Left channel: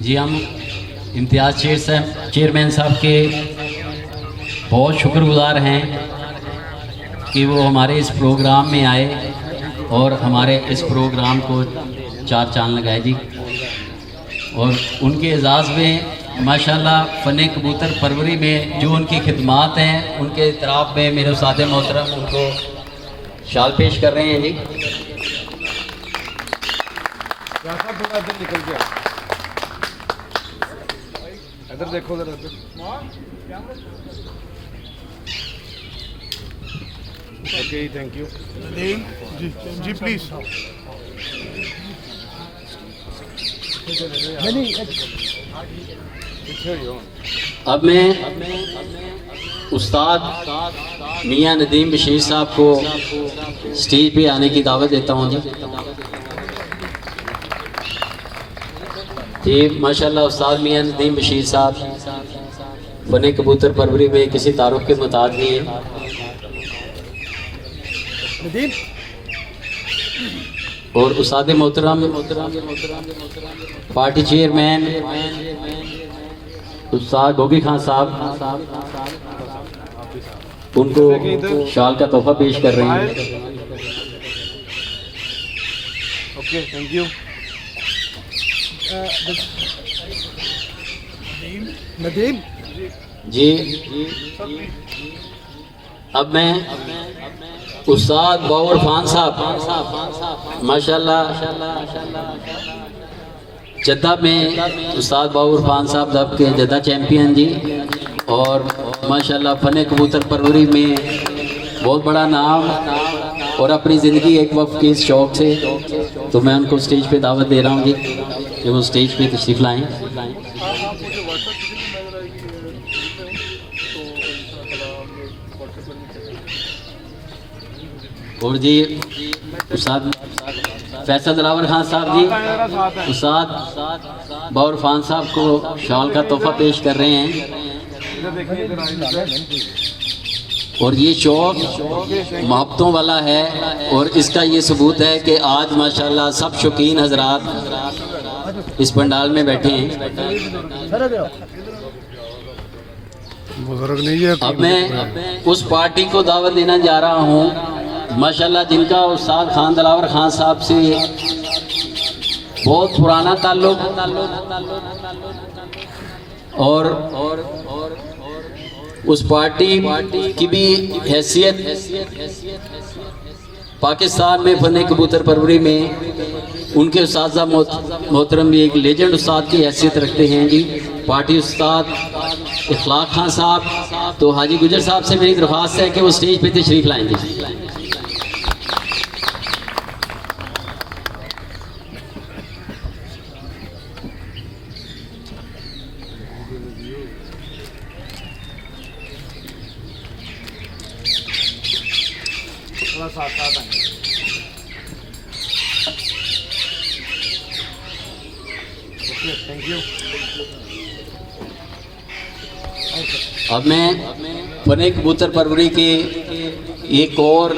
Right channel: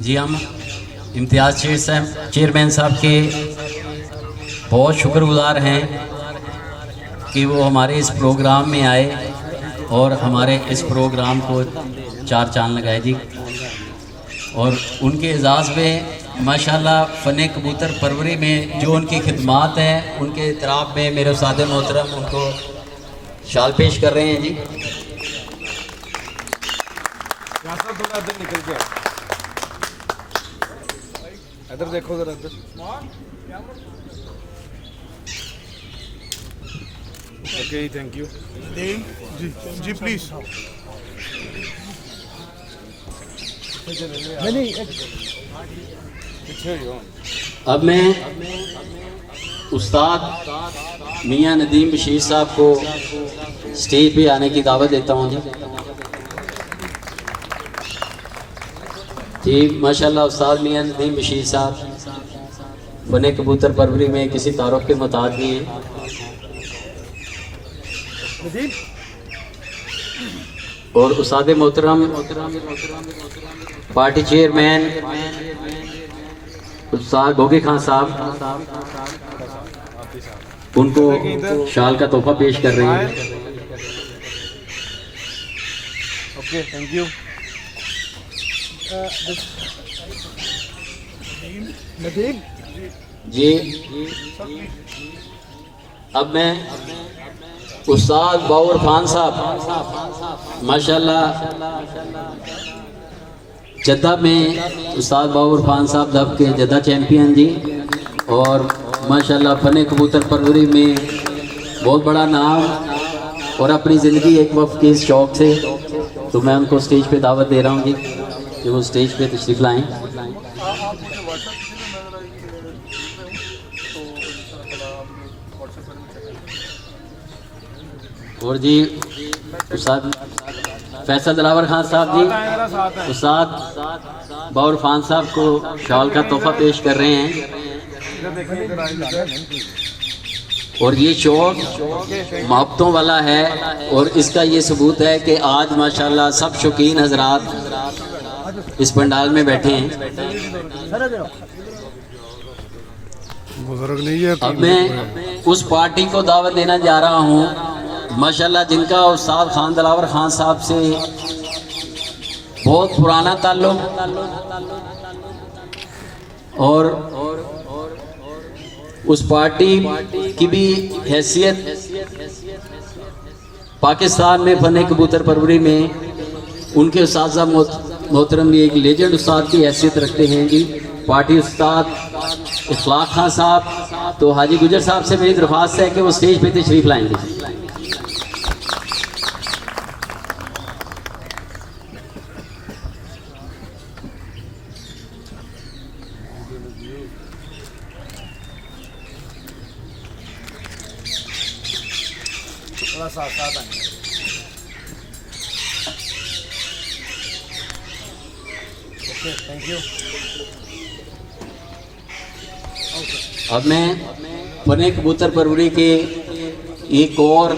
जी हम इम्तियाज़ चेयरमैन साहब के बहुत शुक्रगुजार हैं कि वो हमारे इस प्रोग्राम में आए और हमारे इस प्रोग्राम को चार चांद लगाए जी। और उनके एजाज़ में माशाल्लाह फ़न कबूतर परवरी में जो उनकी खिदमात हैं उनके इतराफ़ में मेरे उस्ताद मोहतरम उनको शाल पेश कर रहे हैं जी। इधर देखो जरा ओके थैंक यू जी प्लीज अब मैं उस्ताद मियां नदीम बशीर साहब को स्टेज पे आने की दावत देता हूँ जी। माशाल्लाह उस्ताद मियां नदीम बशीर साहब फ़न कबूतर परवरी में किसी तारुफ के मुताबिक नहीं है। और उस्ताद मोहतरम पार्टी चेयरमैन उस्ताद गोगी खान साहब उनको शाल का तोहफा पेश कर रहे हैं। ओके थैंक यू नदीम जी। अब मैं उस्ताद बाबर खान साहब माशाल्लाह जद्दा में उस्ताद बाबर खान साहब दब के जद्दा चैम्पियन जी और माशाल्लाह फ़न कबूतर परवरी में बहुत बड़ा नाम और अपनी ज़िंदगी एक वक्त के शौक़ से, तो मैं उनको स्टेज पे दावत दे रहा हूँ जी कि वो स्टेज पे तशरीफ़ लाएँ। और जी उस्ताद फैसल दिलावर खान साहब जी उस्ताद बाबर खान साहब को शाल का तोहफा पेश कर रहे हैं। और ये शौक़ मोहब्बतों वाला है और इसका ये सबूत है कि आज माशाल्लाह सब शौकीन हजरात इस पंडाल में बैठे हैं। बुजुर्ग नहीं है। अब मैं उस पार्टी को दावत देना जा रहा हूँ माशाल्लाह जिनका उस्ताद खान दिलावर खान साहब से बहुत पुराना ताल्लुक और उस पार्टी की भी हैसियत पाकिस्तान में फ़न कबूतर परवरी में उनके उस्ताद मोहतरम भी एक लेजेंड उस्ताद की हैसियत रखते हैं जी। पार्टी उस्ताद इखलाक खान साहब, तो हाजी गुजर साहब से मेरी दरख्वास्त है कि वो स्टेज पे तशरीफ़ लाएंगे। Thank you. अब मैं फ़न कबूतर परवरी के एक और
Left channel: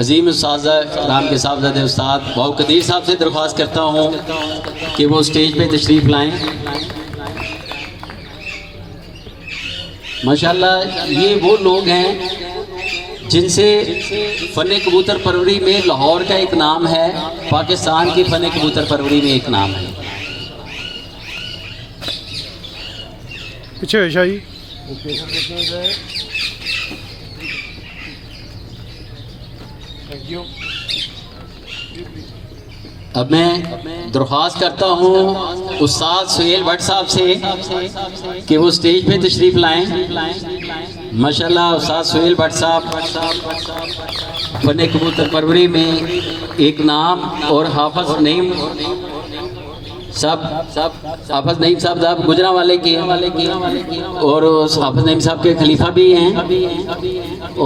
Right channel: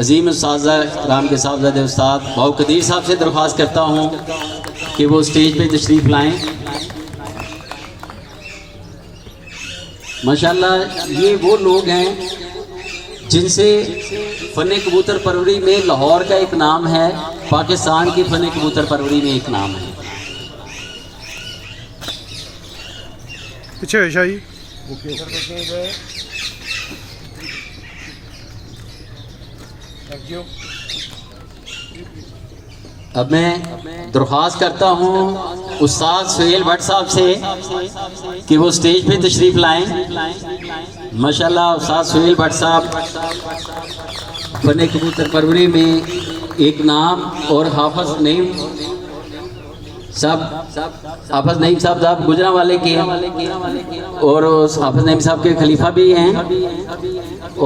अजीम साजा राम के साहबजादे उस्ताद बाऊ कदीर साहब से दरख्वास्त करता हूँ कि वो स्टेज पे तशरीफ़ लाएं। माशाल्लाह ये वो लोग हैं जिनसे फ़न कबूतर परवरी में लाहौर का एक नाम है, पाकिस्तान की फ़न कबूतर परवरी में एक नाम है। पीछे शाही थैंक यू। अब मैं दरख्वास्त करता हूँ उस्ताद सुहेल भट्ट साहब से कि वो स्टेज पे तशरीफ़ लाएं। माशाल्लाह उस्ताद सुहेल भट्ट साहब फ़न कबूतर परवरी में एक नाम और हाफिज़ नईम साहब गुजरांवाले के और हाफिज़ नईम साहब के खलीफा भी हैं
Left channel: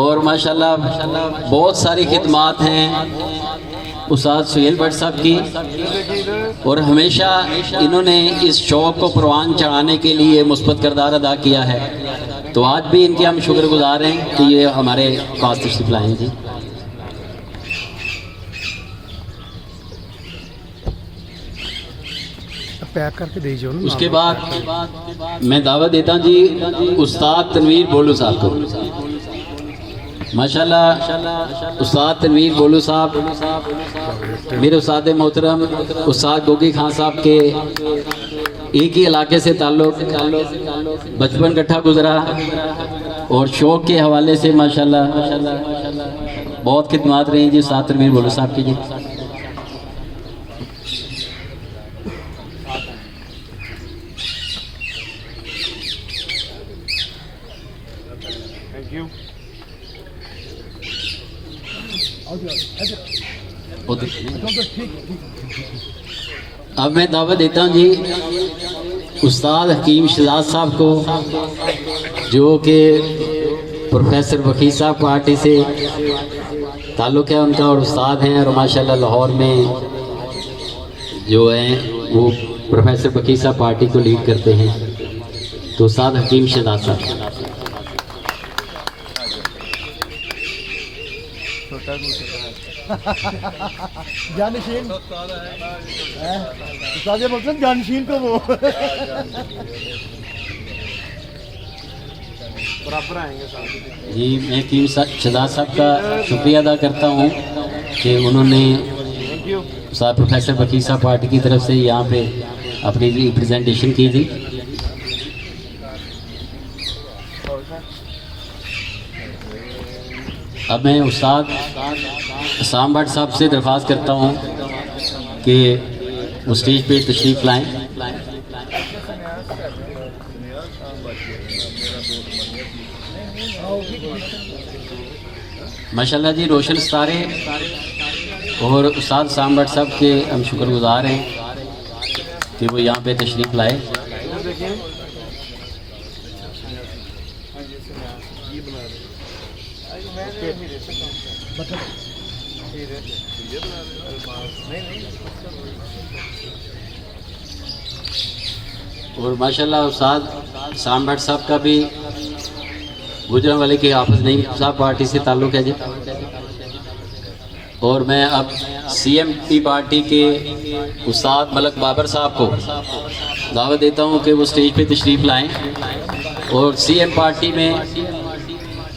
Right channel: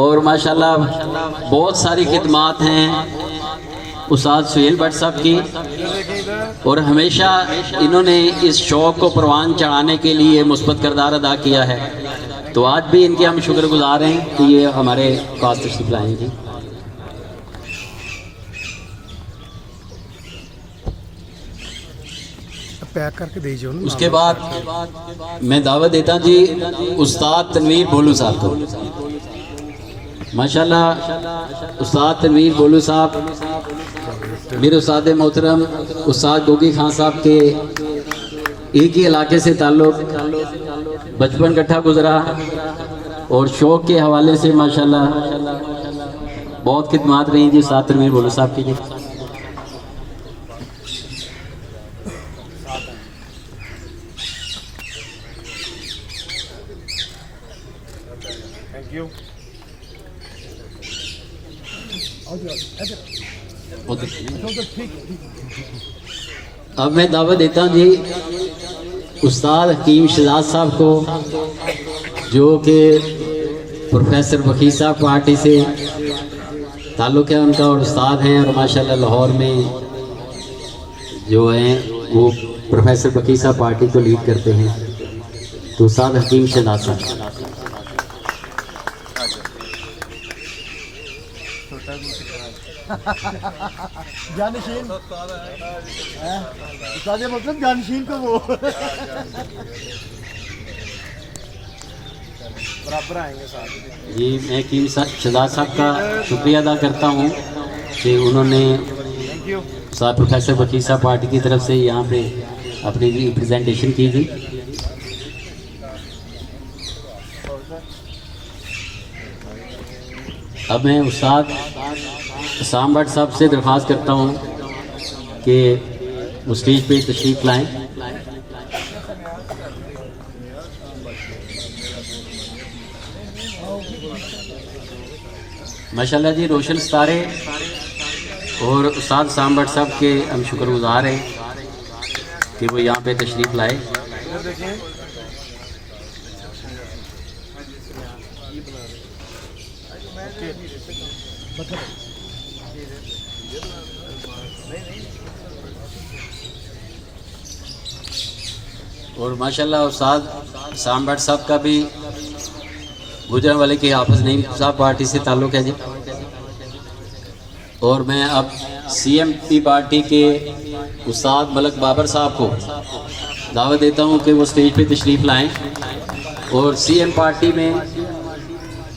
और माशाल्लाह बहुत सारी खिदमात हैं उस्ताद सुहेल भट्ट साहब की और हमेशा इन्होंने इस शौक़ को परवान चढ़ाने के लिए मुस्बत किरदार अदा किया है। तो आज भी इनके हम शुक्रगुजार हैं कि ये हमारे पास तशरीफ़ लाए जी। पैक करके दे जाओ ना। उसके बाद मैं दावत देता हूँ जी उस्ताद तनवीर बोलू साहब को। माशाल्लाह उस्ताद तनवीर बोलू साहब मेरे उस्ताद मोहतरम उस्ताद गोगी खान साहब के एक ही इलाके से ताल्लुक़, बचपन इकट्ठा गुजरा और शौक़ के हवाले से माशाल्लाह बहुत खिदमात रही जी उस्ताद तनवीर बोलू साहब की जी। Thank you. अब मैं दावत देता हूँ जी उस्ताद हकीम शहजाद साहब को, जो कि प्रोफेसर वकील साहब पार्टी से ताल्लुक़ है उनका और उस्ताद हैं, और माशाल्लाह लाहौर में जो हैं वो प्रोफेसर वकील साहब पार्टी को लीड करते हैं। तो उस्ताद हकीम शहजाद साहब। जानशीन मतलब जानशीन को वो बराबर आएंगे जी। मैं हकीम शहजाद साहब का शुक्रिया अदा करता हूँ कि उन्होंने साहब प्रोफेसर वकील साहब पार्टी की तरफ से यहाँ पे अपनी रिप्रेजेंटेशन की थी। अब मैं उस्ताद साम भट्ट साहब से दरख्वास्त करता हूँ कि वो स्टेज पे तशरीफ़ लाएं। माशाल्लाह जी रोशन सितारे और उस्ताद साम भट्ट साहब के हम शुक्रगुजार हैं कि वो यहाँ पे तशरीफ़ लाए। और माशाल्लाह उस्ताद साम भट्ट साहब का भी गुजरांवाले के हाफिज़ नईम साहब पार्टी से ताल्लुक़ है जी। और मैं अब CMP पार्टी के उस्ताद मलक बाबर साहब को दावत देता हूँ कि वो स्टेज पे तशरीफ़ लाएं। और CM पार्टी में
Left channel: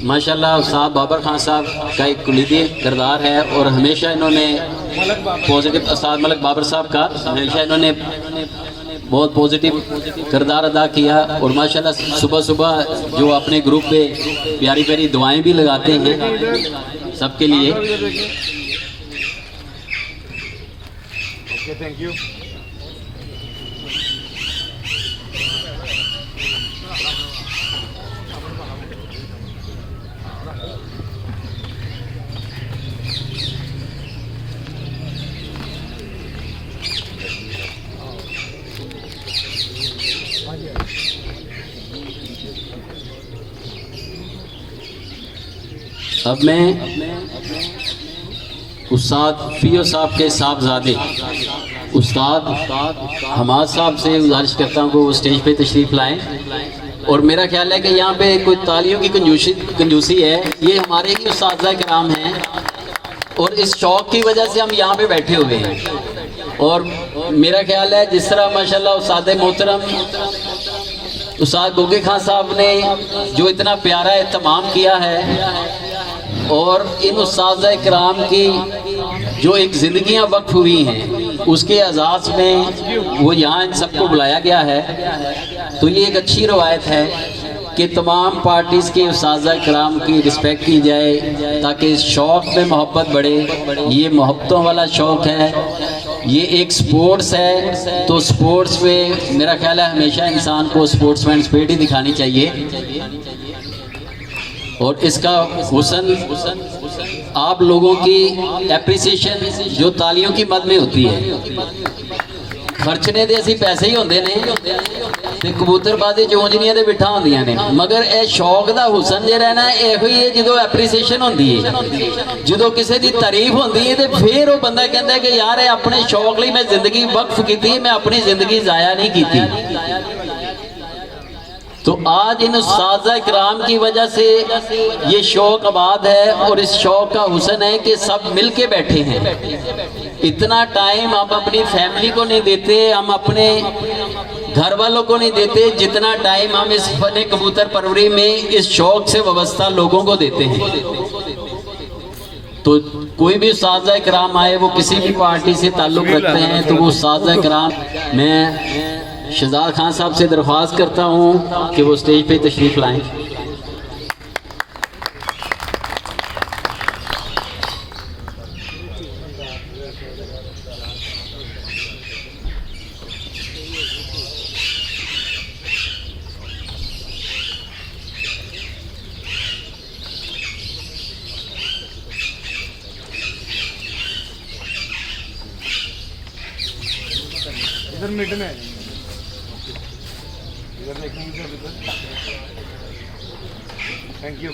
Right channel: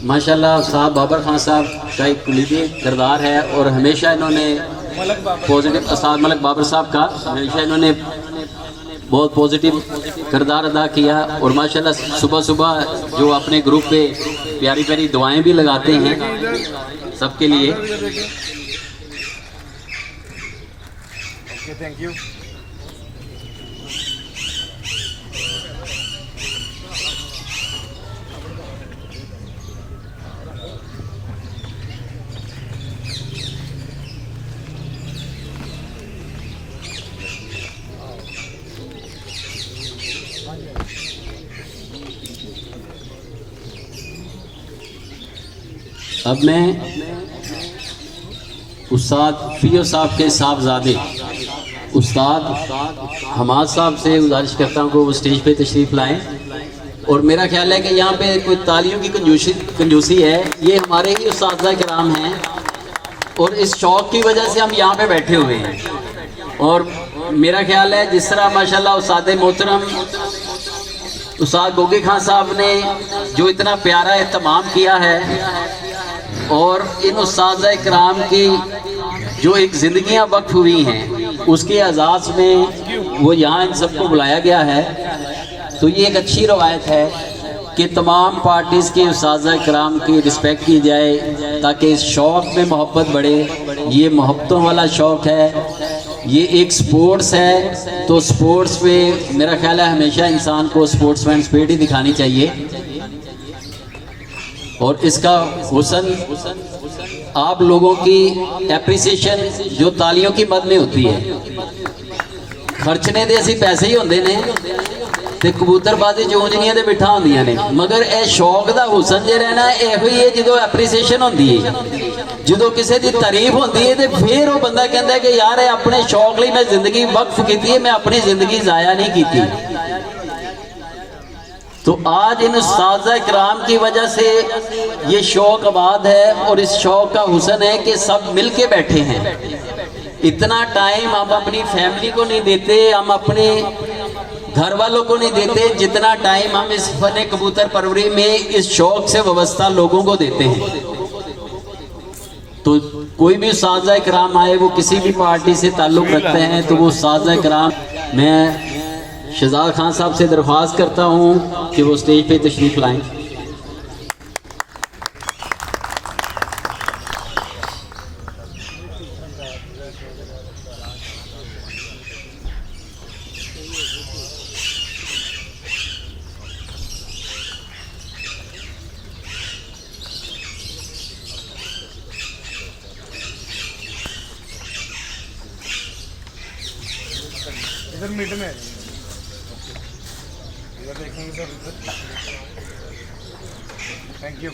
माशाल्लाह उस्ताद बाबर खान साहब का एक कुलीदी किरदार है और हमेशा इन्होंने पॉजिटिव, उस्ताद मलक बाबर साहब का हमेशा इन्होंने बहुत पॉजिटिव किरदार अदा किया। और माशाल्लाह सुबह सुबह जो अपने ग्रुप पे प्यारी प्यारी दुआएं भी लगाते हैं सबके लिए। Thank you. अब मैं उस्ताद फियो साहब के साहबजादे उस्ताद हमाद साहब से गुजारिश करता हूँ कि वो स्टेज पे तशरीफ़ लाएं। और मेरा ख्याल है कि यहाँ पे कोई तालियों की कंजूसी है, ये हमारे ही उस्ताद कराम हैं और इस शौक़ की वजह से हम यहाँ पे बैठे हुए हैं। और मेरा ख्याल है जिस तरह माशाल्लाह उस्ताद मोहतरम उस्ताद गोगी खान साहब ने जो इतना प्यारा एहतमाम किया है और इन उस्ताद कराम की जो एक ज़िंदगियाँ वक्फ हुई हैं उसके एजाज़ में वो यहाँ इन सबको बुलाया गया है। तो ये एक अच्छी रवायत है कि तमाम पार्टीज़ के उस्ताद कराम की रिस्पेक्ट की जाए ताकि इस शौक़ में मोहब्बत बढ़े। ये मोहब्बतों वाला शौक़ है, ये एक स्पोर्ट्स है। तो स्पोर्ट्स में मेरा ख्याल है हमेशा इंसान को स्पोर्ट्समैन स्पिरिट ही दिखानी चाहिए। और इसका हुस्न आप लोगों की एप्रिसिएशन जो तालियों की मद में होती है। खर्चने दे असीं पैसे ही होंदे ने ते कबूतरबाजी चोंजनियां दे बिठा होंदियां ने, मगर ए शौक दा हुस्न जे रहना इहो ही है जो एप्रीसीएशन होंदी है, जो किसी की तारीफ होंदी है तो फिर वो बंदा कहता है कि यार अपने शौक लिए मैं जिंदगी वक्फ की है, मैं अपनी जिंदगी ज़ाया नहीं की। तो आज इन उस्ताद इकराम की वजह से ये शौक आबाद है और इस शौक का हुस्न है कि सब मिल के बैठे हैं। इतना टाइम हम अपनी फैमिली को नहीं देते, हम अपने घर वालों को नहीं देते जितना टाइम हम इस फने कबूतर परवरी में इस शौक से वाबस्ता लोगों को देते हैं। तो कोई भी साज़ा इकराम आए, वो किसी भी पार्टी से ताल्लुक़ रखते हैं, तो वो साज़ा इकराम, मैं शहजाद खान साहब से दरख्वास्त करता हूँ कि वो स्टेज पे तशरीफ़ लाएं। इधर मिड में आ जाएंगे, इधर देखेंगे सर, इधर। Thank you.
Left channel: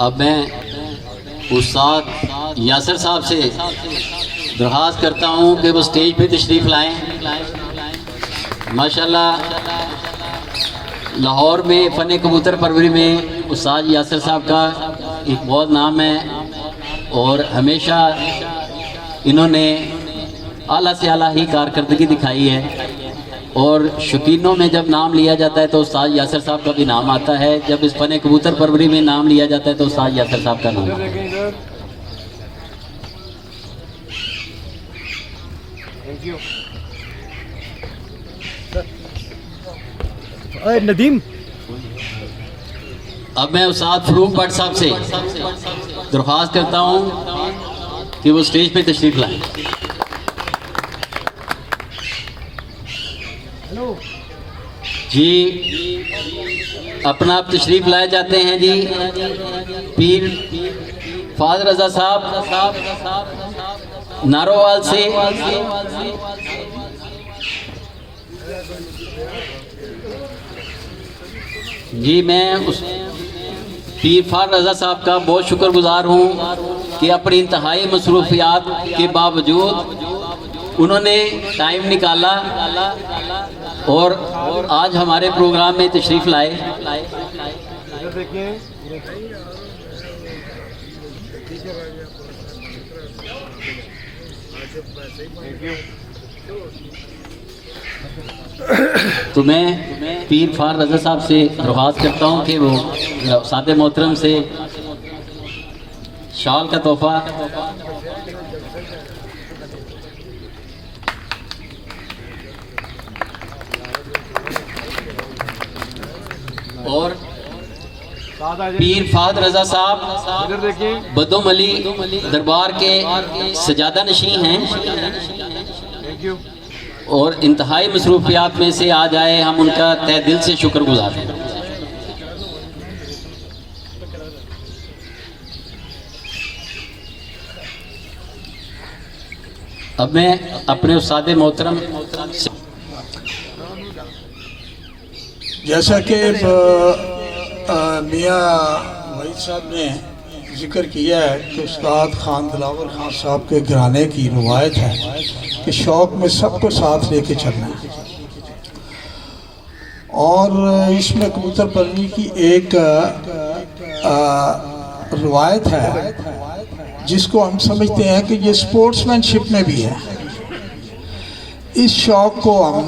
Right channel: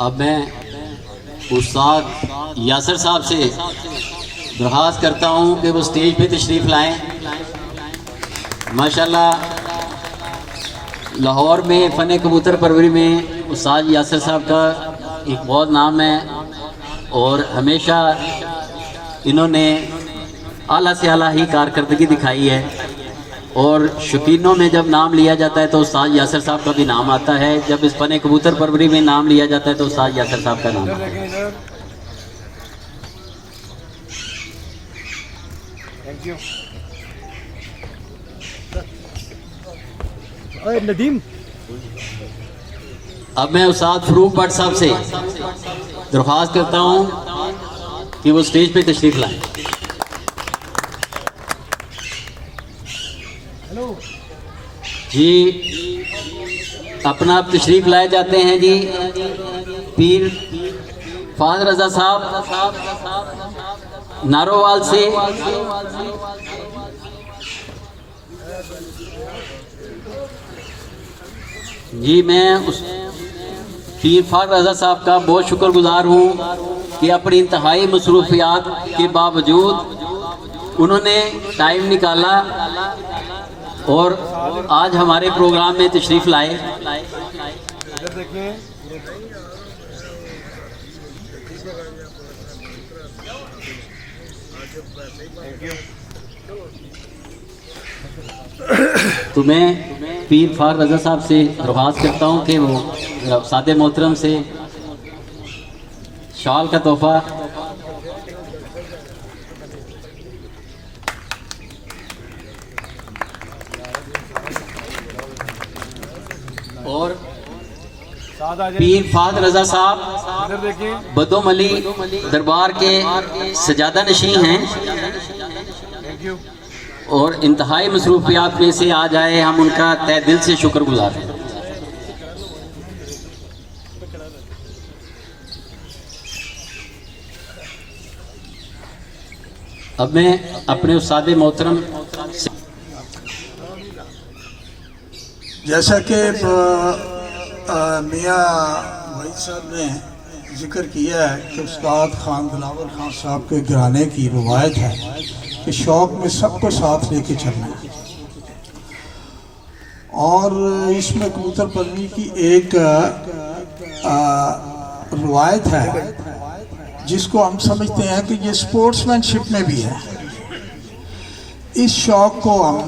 अब मैं उस्ताद यासिर साहब से दरख्वास्त करता हूँ कि वो स्टेज पे तशरीफ़ लाएं। माशाल्लाह लाहौर में फ़न कबूतर परवरी में उस्ताद यासिर साहब का एक बहुत नाम है और हमेशा इन्होंने आला से आला ही कारकर्दगी दिखाई है। और शौकीनों में जब नाम लिया जाता है तो उस्ताद यासिर साहब का भी नाम आता है, जब इस फ़न कबूतर परवरी में नाम लिया जाता है तो उस्ताद यासिर साहब का नाम आता है। Thank you. अरे नदीम, अब मैं उस्ताद फरूक भट्ट साहब से दरख्वास्त करता हूँ कि वो स्टेज पे तशरीफ़ लाएं। हेलो जी, अपना आप तशरीफ़ लाए जाते हैं जी पीर फादर रज़ा साहब नारोवाल से। जी, मैं उस पीर फादर रज़ा साहब का बहुत शुक्रगुजार हूँ कि अपनी इंतहाई मसरूफियात के बावजूद उन्होंने टाइम निकाला और आज हमारे प्रोग्राम में तशरीफ़ लाए। इधर देखिए। Thank you. तो मैं पीर फार रज़ा साहब से दरख्वास्त करता हूँ कि वो सादे मोहतरम से शाल का तोहफा और पीर फाद रज़ा साहब इधर देखिए। बदोम अली दरबार के सजादा नशी हैं थैंक यू। और इंतहाई मसरूफियात में से आज आए, हम उनका तहे दिल से शुक्रगुजार हैं। अब मैं अपने उस्ताद मोहतरम से, जैसा कि मियाँ वहीद साहब ने जिक्र किया है कि उस्ताद खान दिलावर खान साहब के घराने की रवायत है कि शौक़ में सबको साथ लेके चलना है, और इसमें कबूतर परवरी की एक रवायत है जिसको हम समझते हैं कि ये स्पोर्ट्समैनशिप में भी है। इस शौक़ को हम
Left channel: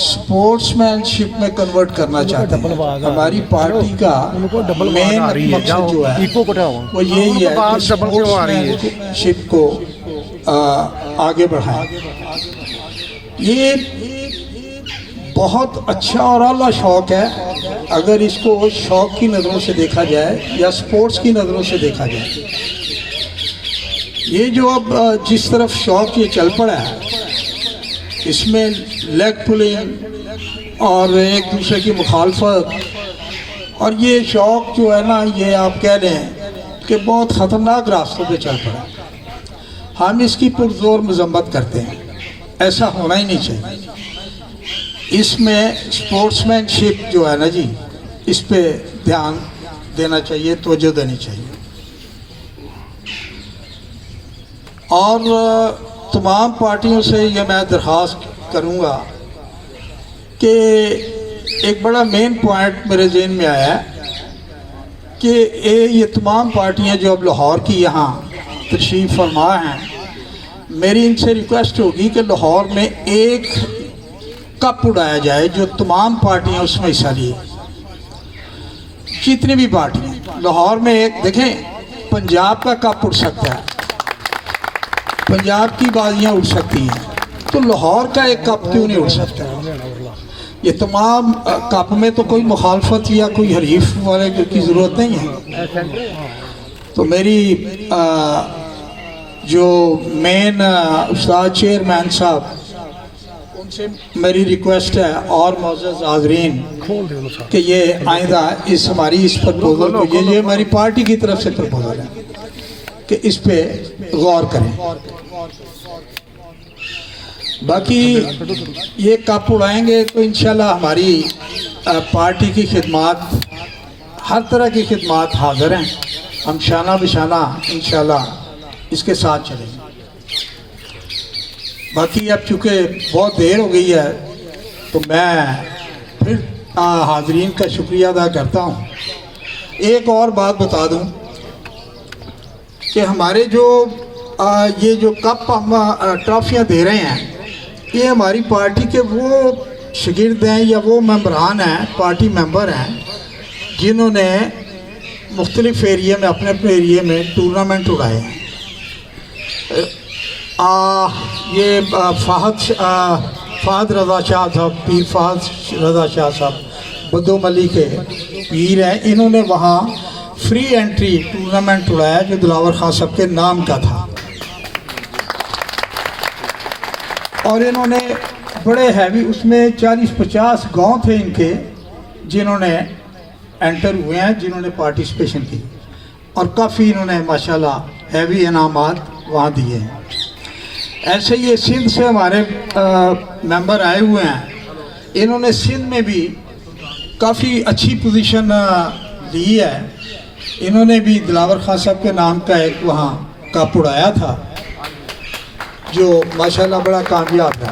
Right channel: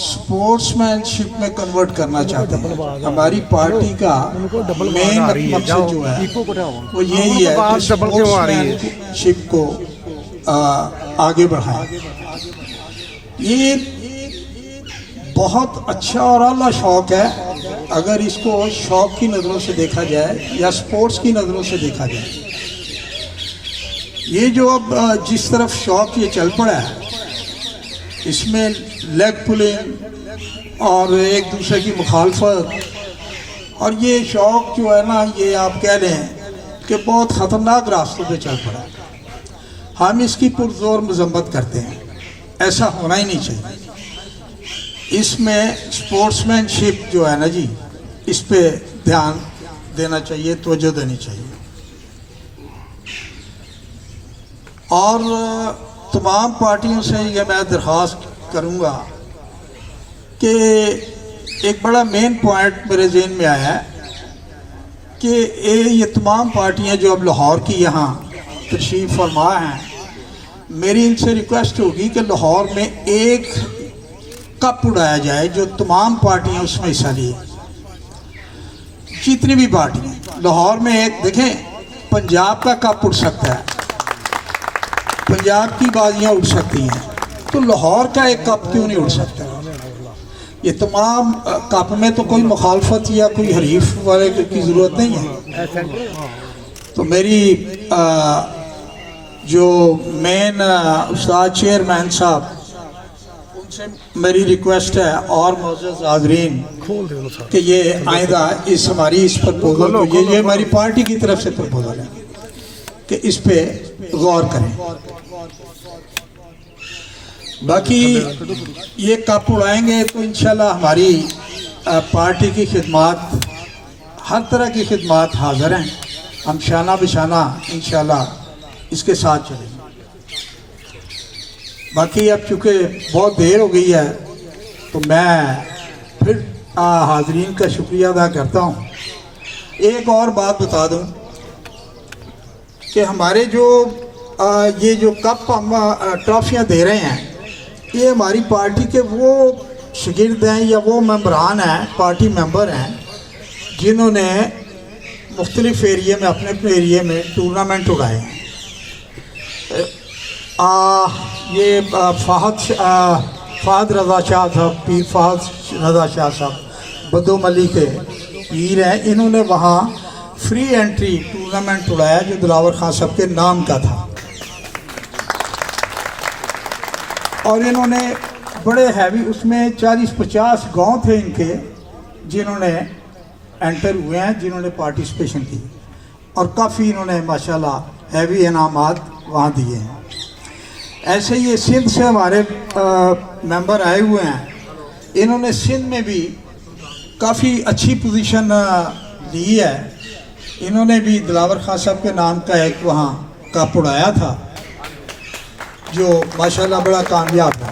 स्पोर्ट्समैनशिप में कन्वर्ट करना चाहते हैं। हमारी पार्टी का मेन मकसद जो है वो यही है कि स्पोर्ट्समैनशिप को आगे बढ़ाएं। ये बहुत अच्छा और आला शौक़ है अगर इसको शौक़ की नज़रों से देखा जाए या स्पोर्ट्स की नज़रों से देखा जाए। ये जो अब जिस तरफ शौक़ ये चल पड़ा है, इसमें लेग पुलिंग और एक दूसरे की मुखालफत, और ये शौक़ जो है ना, ये आप कह लें कि बहुत ख़तरनाक रास्तों पे चल पड़ा। हम इसकी पुरजोर मजम्मत करते हैं, ऐसा होना ही नहीं चाहिए। इसमें स्पोर्ट्समैनशिप जो है ना जी, इस पे ध्यान देना चाहिए, तवज्जो देनी चाहिए। और तमाम पार्टियों से ये मैं दरख्वास्त करूँगा कि एक बड़ा मेन पॉइंट मेरे ज़हन में आया कि ये तमाम पार्टियां जो अब लाहौर की यहाँ तशरीफ़ फरमा हैं, मेरी इनसे रिक्वेस्ट होगी कि लाहौर में एक कप उड़ाया जाए जो तमाम पार्टियां उसमें हिस्सा लिए, जितनी भी पार्टियां। लाहौर में एक देखें, पंजाब का कप उड़ सकता है, पंजाब की बाजियां उड़ सकती हैं, तो लाहौर का एक कप क्यों नहीं उड़ सकता? ये तमाम कप में तो कोई मुखालफत या कोई हरीफ वाले की ज़रूरत नहीं है। तो मेरी जो मेन उस्ताद चेयरमैन साहब, उनसे मेरी रिक्वेस्ट है और मौजूद हाज़रीन कि ये आइंदा इस हमारी इस प्रपोजल को, ये हमारी पार्टी की तरफ से प्रपोजल है कि इस पे गौर करें। बाकी ये कप उड़ाएंगे तो इंशाल्लाह हमारी पार्टी की खिदमत, हर तरह की खिदमत हाज़िर हैं। हम शाना बिशाना इंशाल्लाह इसके साथ चलेंगे। बाकी अब चूँकि बहुत देर हो गई है तो मैं फिर हाज़रीन का शुक्रिया अदा करता हूँ। एक और बात बता दूँ कि हमारे जो ये जो कप हम ट्रॉफियाँ दे रहे हैं, ये हमारी पार्टी के वो शागिर्द हैं या वो मेंबरान हैं, पार्टी मेंबर हैं, जिन्होंने मुख्तलिफ़ एरिए में अपने अपने एरिए में टूर्नामेंट उड़ाए हैं। ये फ़हद रज़ा शाह साहब, पीर फ़हद रज़ा शाह साहब बद्दो मली के पीर हैं। इन्होंने वहाँ फ्री एंट्री टूर्नामेंट उड़ाया जो दिलावर खान साहब के नाम का था, और इन्होंने बड़े हैवी, उसमें 40-50 गांव थे इनके जिन्होंने एंटर हुए हैं, जिन्होंने पार्टिसिपेशन की, और काफ़ी इन्होंने माशाल्लाह हैवी इनामात वहाँ दिए हैं। ऐसे ही ये सिंध से हमारे मेंबर आए हुए हैं, इन्होंने सिंध में भी काफ़ी अच्छी पोजीशन ली है। इन्होंने भी दिलावर खान साहब के नाम का एक वहाँ कप उड़ाया था जो माशाल्लाह बड़ा कामयाब है,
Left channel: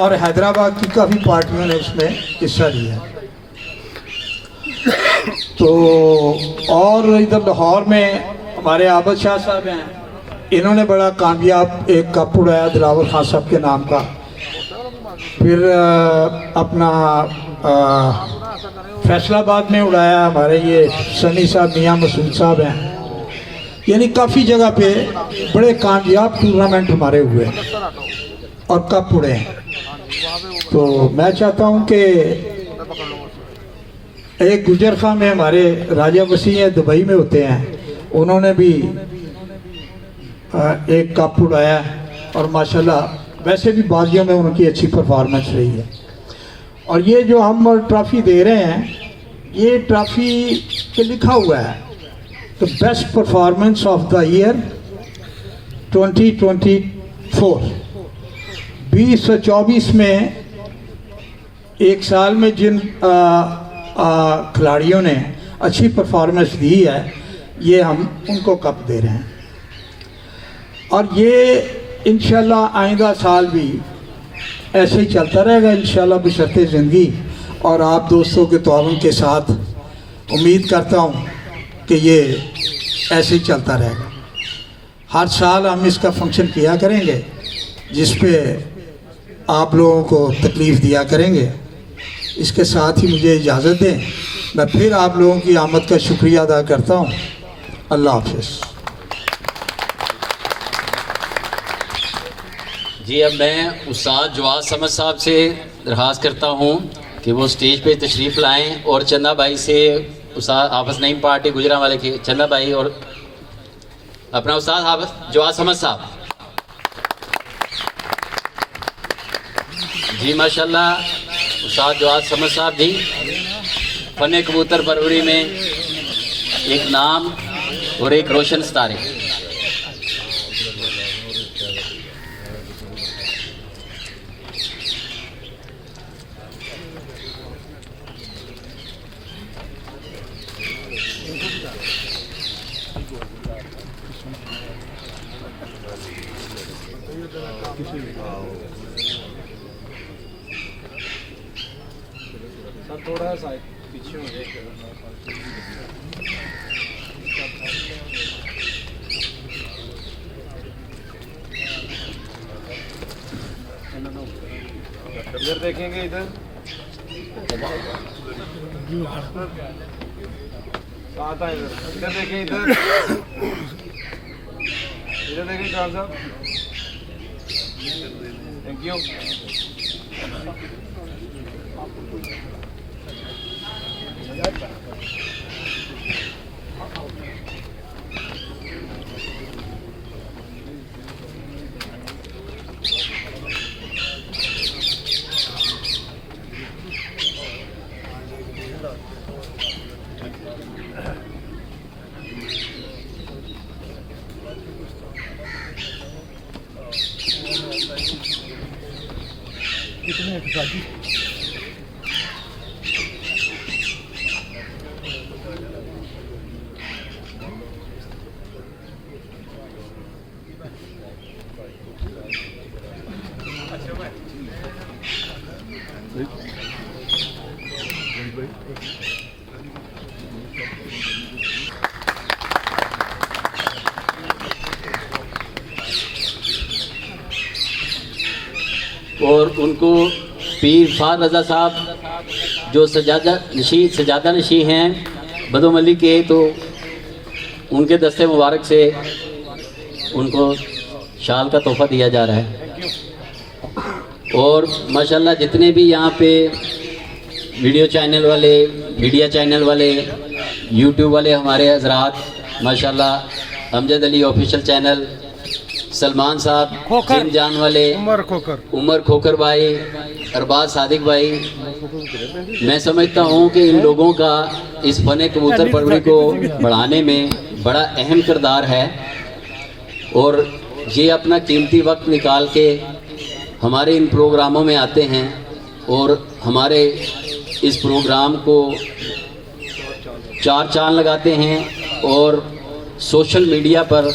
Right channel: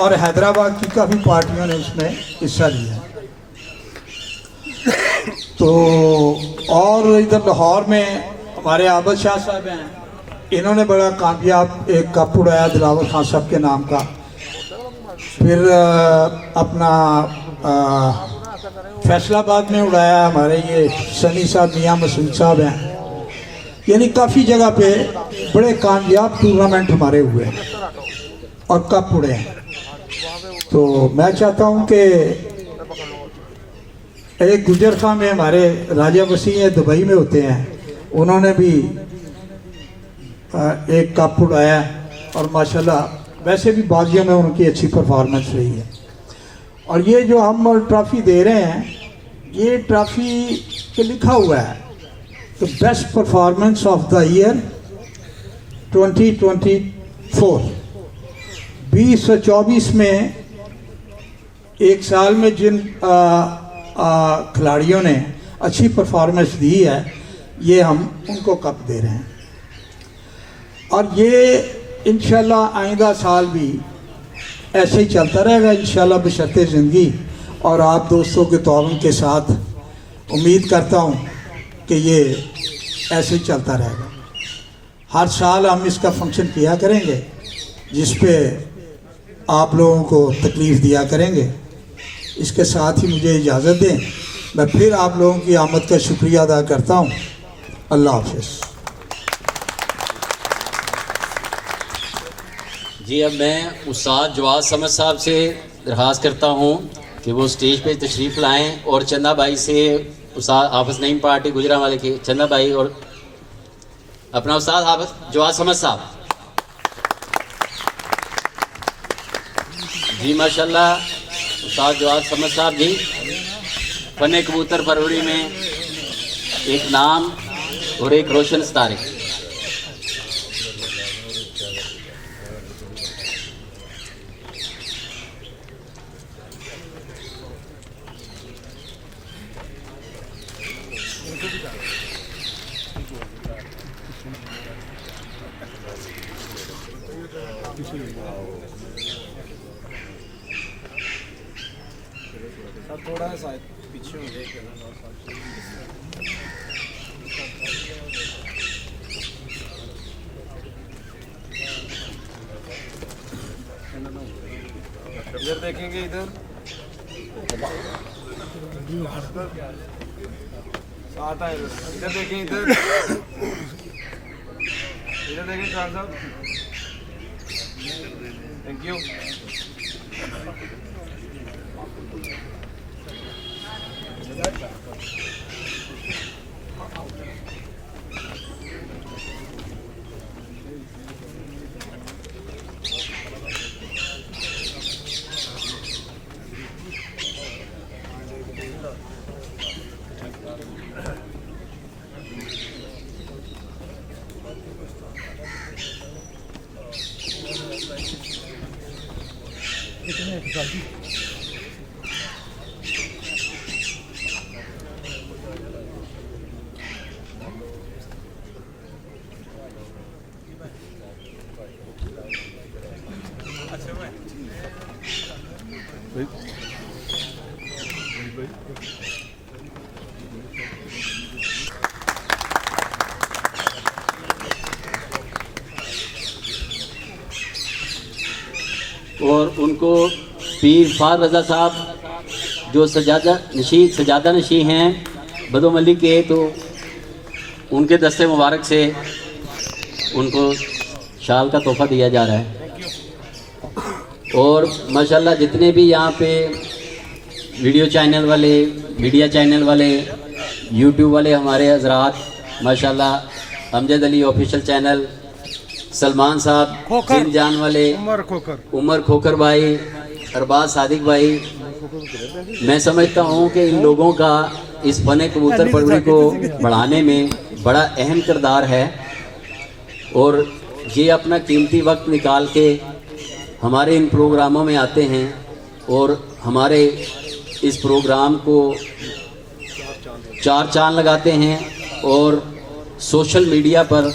और हैदराबाद की काफ़ी पार्टियों ने इसमें हिस्सा लिया। तो और इधर लाहौर में हमारे आबद शाह साहब हैं, इन्होंने बड़ा कामयाब एक कप उड़ाया दिलावर खान साहब के नाम का। फिर अपना फैसलाबाद में उड़ाया हमारे ये सनी साहब, मियाँ मसूद साहब हैं। यानी काफ़ी जगह पे बड़े कामयाब टूर्नामेंट हमारे हुए और कप उड़े हैं। तो मैं चाहता हूँ कि एक गुजर खां में हमारे राजा वसीम दुबई में होते हैं, उन्होंने भी एक कप उड़ाया, और माशाल्लाह वैसे भी बाजियों में उनकी अच्छी परफॉर्मेंस रही है। और ये जो हम ट्रॉफ़ी दे रहे हैं, ये ट्रॉफ़ी पे लिखा हुआ है the best performance of the year 2024। 2024 में एक साल में जिन खिलाड़ियों ने अच्छी परफॉर्मेंस दी है, ये हम उनको कप दे रहे हैं। और ये इंशाल्लाह आइंदा साल भी ऐसे ही चलता रहेगा इंशाल्लाह बशर्ते ज़िंदगी, और आप दोस्तों के ताउन के साथ उम्मीद करता हूँ कि ये ऐसे ही चलता रहेगा। हर साल हम इसका फंक्शन किया करेंगे जिस पे आप लोगों को तकलीफ़ दिया करेंगे। इसके साथ ही मुझे इजाज़त दें, मैं फिर आप लोगों की आमद का शुक्रिया अदा करता हूँ। अल्लाह हाफ़िज़। जी, अब मैं उस्ताद जवाद समद साहब से दरख्वास्त करता हूँ कि वो स्टेज पे तशरीफ़ लाएं, और चंदा भाई से उस्ताद हाफ़िज़ नईम पार्टी गुजरा वाले के चंदा भाई और अपना उस्ताद हाफ़िज़ जवाद समद साहब। जी माशाल्लाह, उस्ताद जवाद समद साहब जी फन कबूतर परवरी में एक नाम और एक रोशन सितारे। थोड़ा सा पीछे हो जाए। इधर देखेंगे, इधर साथ आए, इधर देखें, इधर देखें साहब। Thank you. और उनको पीर फार रज़ा साहब जो सजादा नशी हैं बदोमली के, तो उनके दस्ते मुबारक से उनको शाल का तोहफ़ा दिया जा रहा है। और माशाल्लाह जितने भी यहाँ पे वीडियो चैनल वाले, मीडिया चैनल वाले, यूट्यूब वाले हमारे हजरात, माशाल्लाह अमजद अली ऑफिशियल चैनल, सलमान साहब, जिन जान वाले, उमर खोकर भाई, अरबाज सादिक भाई, मैं समझता हूँ कि इन लोगों का इस फन कबूतर परवरी को बढ़ाने में बड़ा अहम किरदार है। और ये अपना कीमती वक्त निकाल के हमारे इन प्रोग्रामों में आते हैं और हमारे इस प्रोग्राम को चार चांद लगाते हैं और सोशल मीडिया पर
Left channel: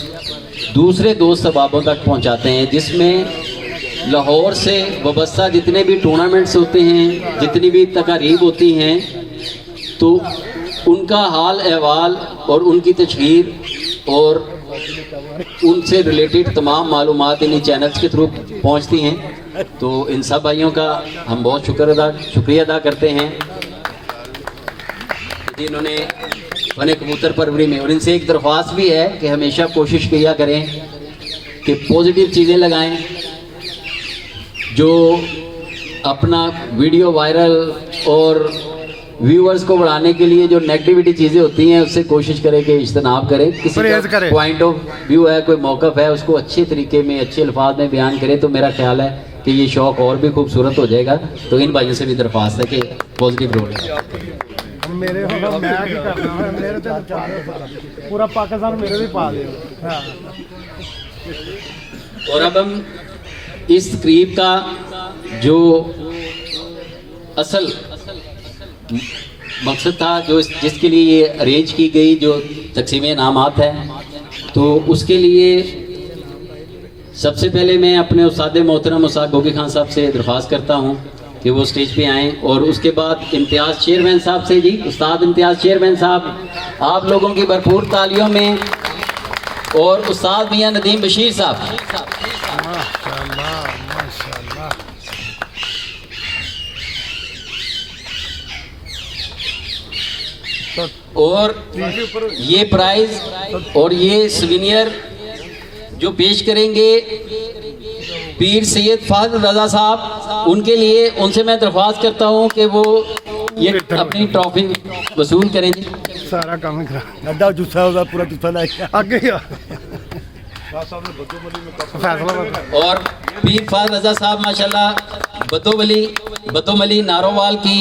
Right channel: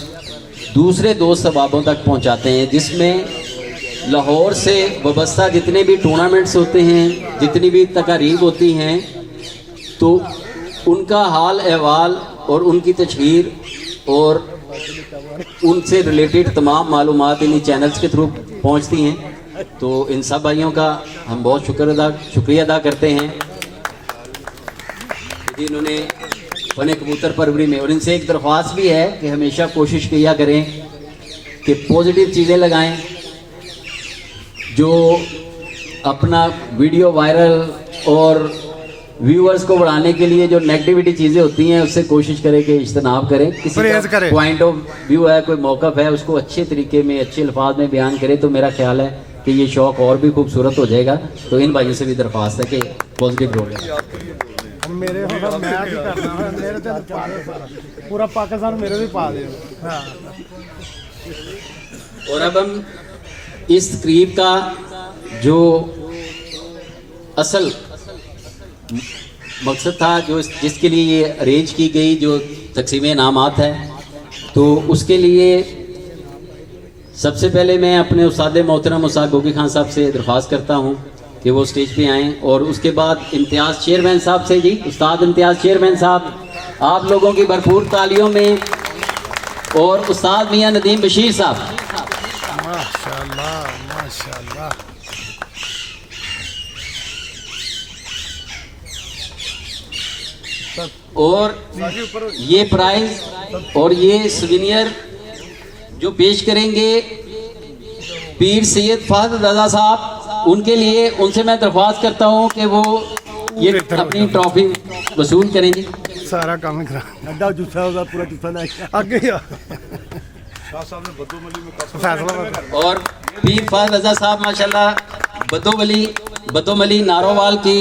दूसरे दोस्त अहबाबों तक पहुंचाते हैं, जिसमें लाहौर से वाबस्ता जितने भी टूर्नामेंट्स होते हैं, जितनी भी तकारीब होती हैं, तो उनका हाल अहवाल और उनकी तस्वीर और उनसे रिलेटेड तमाम मालूमात इन चैनल्स के थ्रू पहुंचती हैं। तो इन सब भाइयों का हम बहुत शुक्रिया अदा करते हैं जिन्होंने फन कबूतर परवरी में, और इनसे एक दरख्वास्त भी है कि हमेशा कोशिश किया करें कि पॉजिटिव चीज़ें लगाएं, जो अपना वीडियो वायरल और व्यूअर्स को बढ़ाने के लिए जो नेगेटिविटी चीज़ें होती हैं उससे कोशिश करें कि इज्तनाब करें। किसी का पॉइंट ऑफ व्यू है, कोई मौक़िफ़ है, उसको अच्छे तरीके में, अच्छे अल्फाज में बयान करें, तो मेरा ख्याल है कि ये शौक़ और भी खूबसूरत हो जाएगा। तो इन भाइयों से भी दरख्वास्त है कि पॉजिटिव रोल मेरे मैं की करना है, मेरे तो पूरा पाकिस्तान मेरे भी पा दे। और अब हम इस तकरीब का जो असल मकसद था, जो जिसके लिए ये अरेंज की गई जो तकसीम इनामात है, तो उसके लिए सबसे पहले मैं अपने उस्ताद मोहतरम उस्ताद गोगी खान साहब से दरख्वास्त करता हूँ कि वो स्टेज पे आएँ। और उसके बाद इम्तियाज़ चेयरमैन साहब से, जी उस्ताद इम्तियाज़ चेयरमैन साहब, आप लोगों की भरपूर तालियों में, और उस्ताद मियां नदीम बशीर साहब। माशाल्लाह माशाल्लाह। और ये प्राइज और ये सुवेनियर जो पेश करेंगे पीर सैयद फार रज़ा साहब, उनके लिए उनसे मैं दरख्वास्त करता हूँ कि वो ये अपनी ट्रॉफी वसूल करें। जी सारा काम करा अड्डा जूसा होगा, पूरा जूसा लाए आगे फैसला। और पीर फार रज़ा साहब माशाल्लाह बदोमली नारोवाल की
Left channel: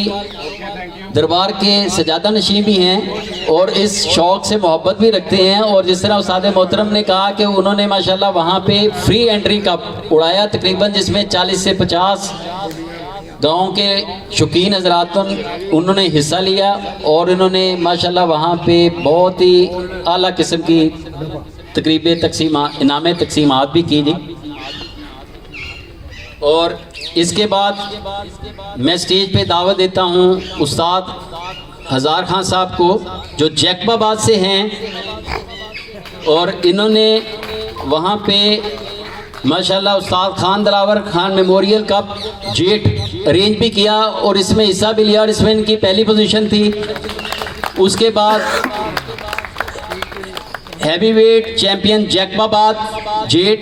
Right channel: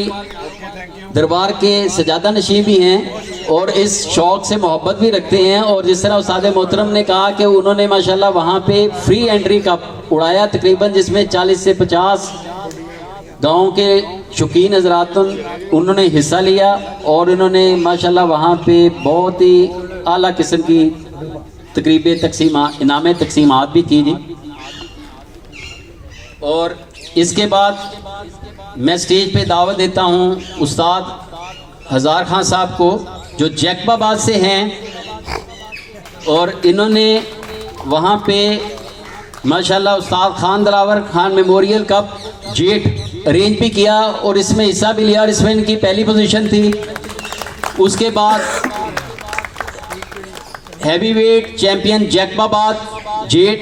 दरबार के सजादा नशीं भी हैं और इस शौक़ से मोहब्बत भी रखते हैं। और जिस तरह उस्ताद मोहतरम ने कहा कि उन्होंने माशाल्लाह वहाँ पे फ्री एंट्री का उड़ाया तकरीबन, जिसमें 40 से 50 गाँव के शौकीन हजरात उन्होंने हिस्सा लिया और इन्होंने माशाल्लाह वहाँ पे बहुत ही आला किस्म की तकरीबें इनाम तकसीमात भी की थी। और इसके बाद मैं स्टेज पे दावत देता हूँ उस्ताद हज़ार खान साहब को, जो जैकबाबाद से हैं, और इन्होंने वहाँ पे माशाल्लाह उस्ताद Khan Dilawar Khan memorial cup jet arrange भी किया और इसमें हिस्सा भी लिया और इसमें इनकी पहली पोजीशन थी। उसके बाद हैवीवेट चैंपियन जैकबाबाद जेट,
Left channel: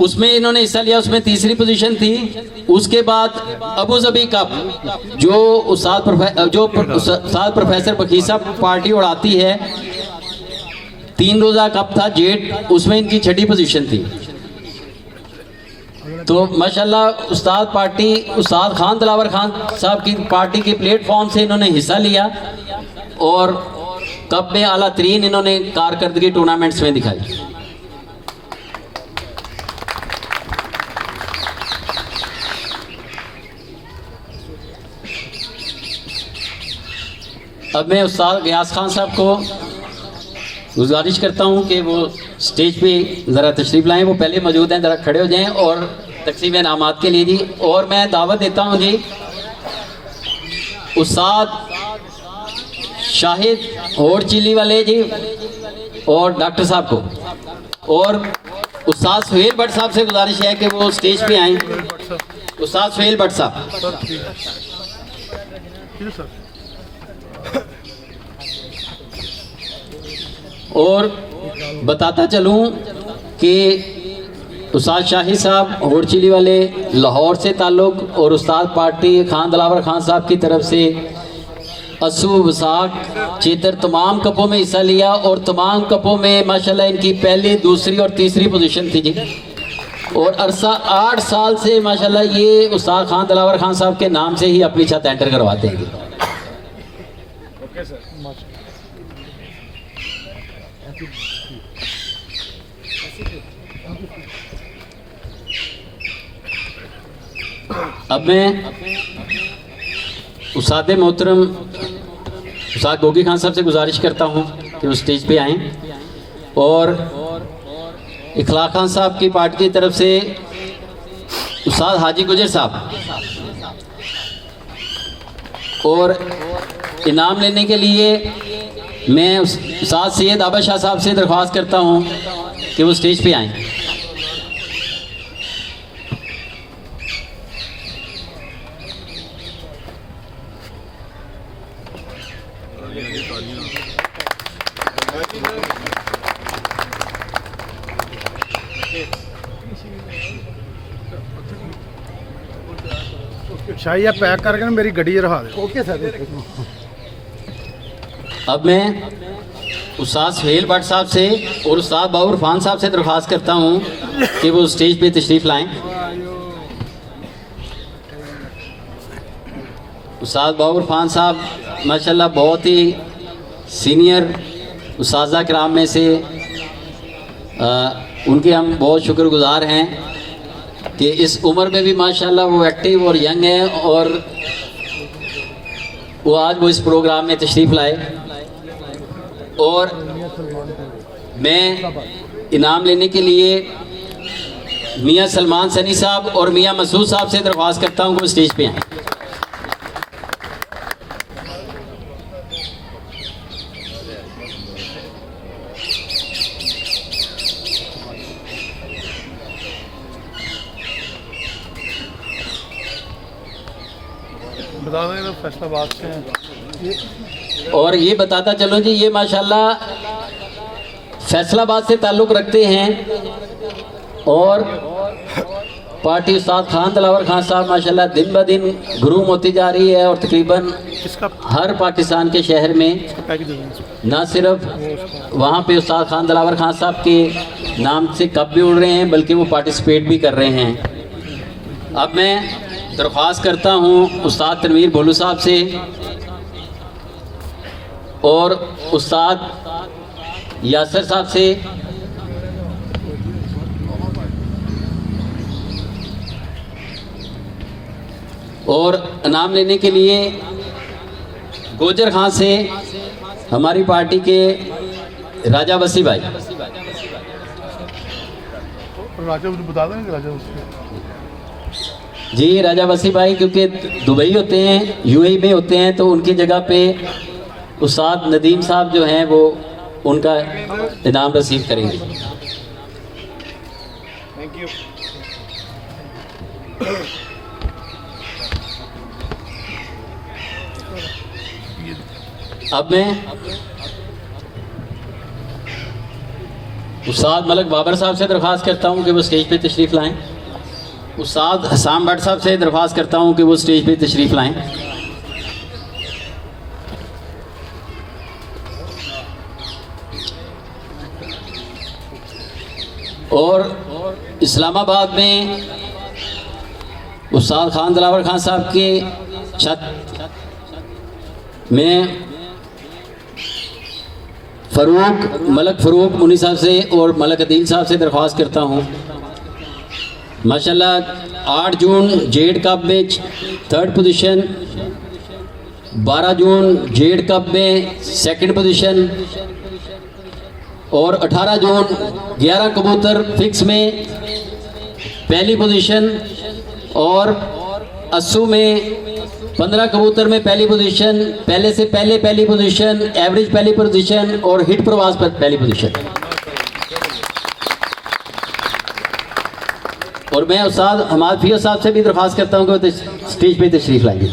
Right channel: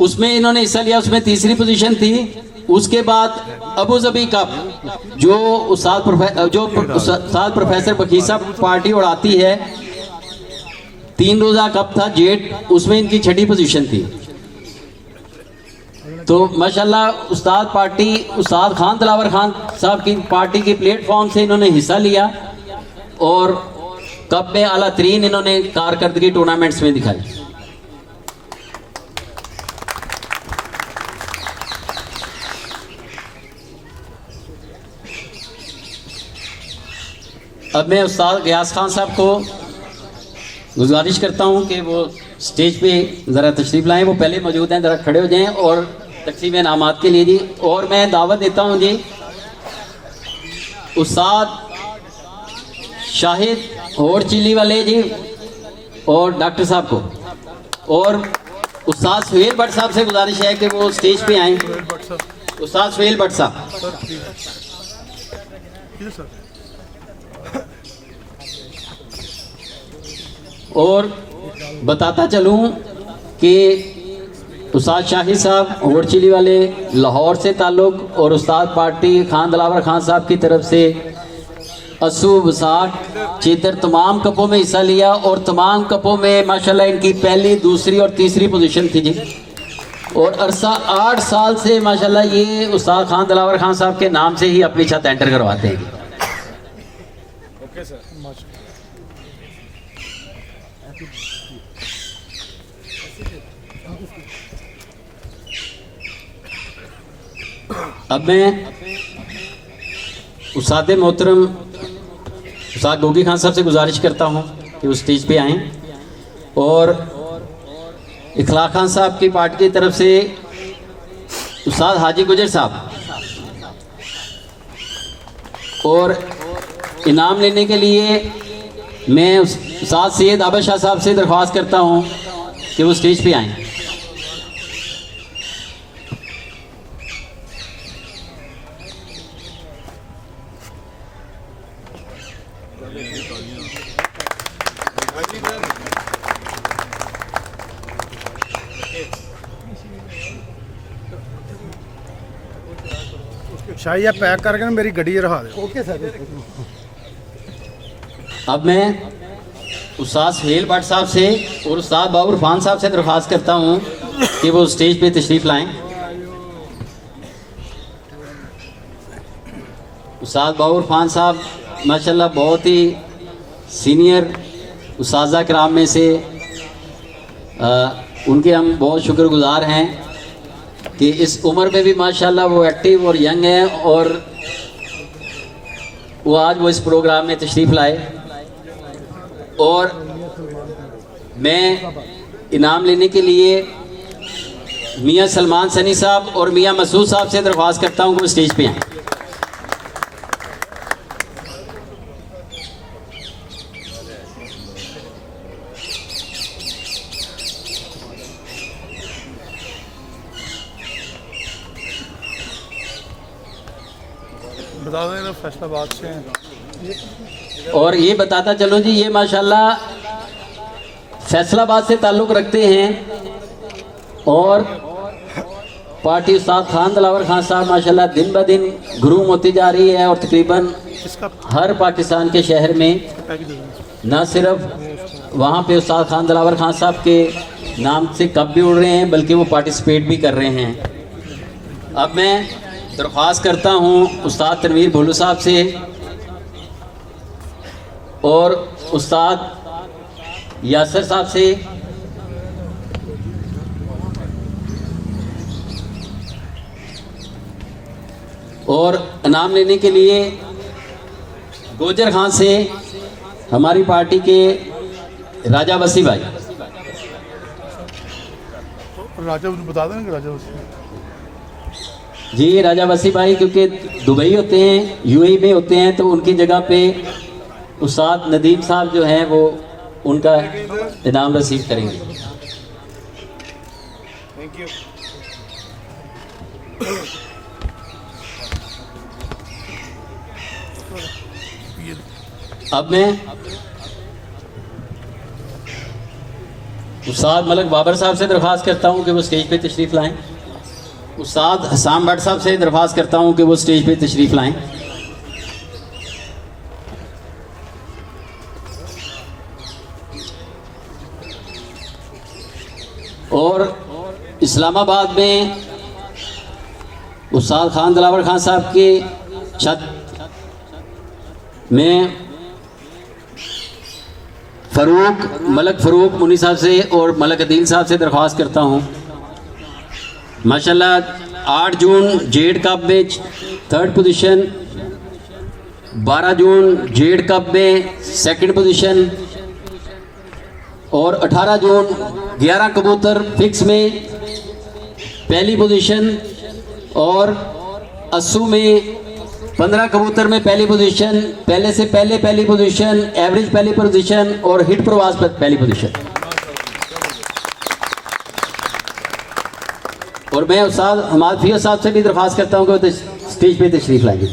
उसमें इन्होंने हिस्सा लिया, उसमें तीसरी पोजीशन थी। उसके बाद अबू धाबी कप जो उस्ताद प्रोफेसर बकीर साहब पार्टी उड़ाती है, 3 रोजा कप था जेट, उसमें इनकी 6ठी पोजीशन थी। तो माशाल्लाह उस्ताद खान दिलावर खान साहब की पार्टी की प्लेटफॉर्म से इन्होंने हिस्सा लिया और कप में आला तरीन इन्होंने कारकर्दगी टूर्नामेंट्स में दिखाई। अब मैं उस्ताद गयास खान साहब को गुजारिश करता हूं कि वो स्टेज पे ज़रा तशरीफ़ लाएं। वो पहले मौजूद हैं, ज़रा खड़े हो जाएं और तकसीम इनामात के लिए जी। और मैं दावत देता हूं जी उस्ताद शाहिद और चिल्ली वाले जी और डॉक्टर साहब को, और उस्ताद सुहेल भट्ट साहब से गुजारिश है कि वो स्टेज पे आएँ। उस्ताद सुहेल भट्ट साहब। और बताता चलूं कि उस्ताद शाहिद साहब होड़ चिली वाले लाहौर से ताल्लुक़ और उस्ताद पार्टी खान दिलावर खान साहब की तरफ से असू वसाक चीतर तमाम कपों में हिस्सा लिया और तमाम कपों में माशाल्लाह इनकी पहली, दूसरी और तीसरी पोजीशन थी जी। और अरसा 8 साल से माशाल्लाह ये उस्ताद खान दिलावर खान साहब के नाम से ही अपनी छत एंटर करवाते हैं जी। Okay sir. अब मैं उस्ताद मोहतरम उस्ताद गोगी खान साहब से गुजारिश करता हूं कि वो स्टेज पे आएँ और इखलाक खान साहब की पार्टी की तरफ से उस्ताद हाजी गुजर साहब, और इनाम लेने के लिए मैं उस्ताद सैयद आबा शाह साहब से दरख्वास्त करता हूं कि वो स्टेज पे आएँ। शाही या पैक करके ना मेरी गड्डी रखा दे। Okay sir. अब मैं उस्ताद सुहेल भट्ट साहब से और उस्ताद बाबर खान साहब से दरख्वास्त करता हूं कि वो स्टेज पे तशरीफ़ लाएं। उस्ताद बाबर खान साहब माशाल्लाह बहुत ही सीनियर उस्ताज़ा किराम में से उनके हम बहुत शुक्रगुजार हैं कि इस उम्र में भी माशाल्लाह वो एक्टिव और यंग हैं और वो आज वो इस प्रोग्राम में तशरीफ़ लाए। और मैं इनाम लेने के लिए मियां सलमान सनी साहब और मियां मसूद साहब से दरख्वास्त करता हूं कि वो स्टेज पे आएं। बता दें फैसलाबाद से हैं। और ये बताता चलो जी, ये माशाल्लाह फैसलाबाद से ताल्लुक़ रखते हैं और पार्टी उस्ताद खान दिलावर खान साहब माशाल्लाह दिन ब दिन ग्रूम होती जा रही है और तकरीबन हर पाकिस्तान के शहर में न सिर्फ वहाँ पे उस्ताद खान दिलावर खान साहब के नाम से कप भी उड़ रहे हैं बल्कि वो पार्टिसिपेट भी कर रहे हैं। अब मैं दरख्वास्त करता हूँ उस्ताद तनवीर भोलू साहब से और उस्ताद यासर साहब से और इनाम लेने के लिए गोजर खान से हमारी पार्टी के राजा वसी भाई। राजा बता दें राजा वसी जी, राजा वसी भाई क्योंकि दुबई होते हैं, यूएई में होते हैं, तो उनकी जगह पे उस्ताद नदीम साहब जो हैं वो उनका इनाम रिसीव करेंगे। Thank you. अब मैं उस्ताद मलक बाबर साहब से दरख्वास्त करता हूं कि वो स्टेज पे तशरीफ़ लाएं। उस्ताद हसाम भट्ट साहब से दरख्वास्त करता हूं कि वो स्टेज पे तशरीफ़ लाएं। और इस्लामाबाद में उस्ताद खान दिलावर खान साहब की छत में मलक फ़रूक मुनी साहब से और मलक अदील साहब से दरख्वास्त करता हूँ। माशाल्लाह 8 जून जेड कप में 3rd पोजीशन, 12 जून जेड कप में 2nd पोजीशन और 18 जून 11 कबूतर फिक्स में 1ली पोजीशन और अस्सू में 15 कबूतर में 1ली पोजीशन, पहले से पहले 1ली पोजीशन, एवरेज 1ली पोजीशन और हिट प्रवास पर 1ली पोजीशन। और मैं उस्ताद हमाद फिया साहब से भी दरख्वास्त करता हूँ कि वो स्टेज पे तशरीफ लाएंगे।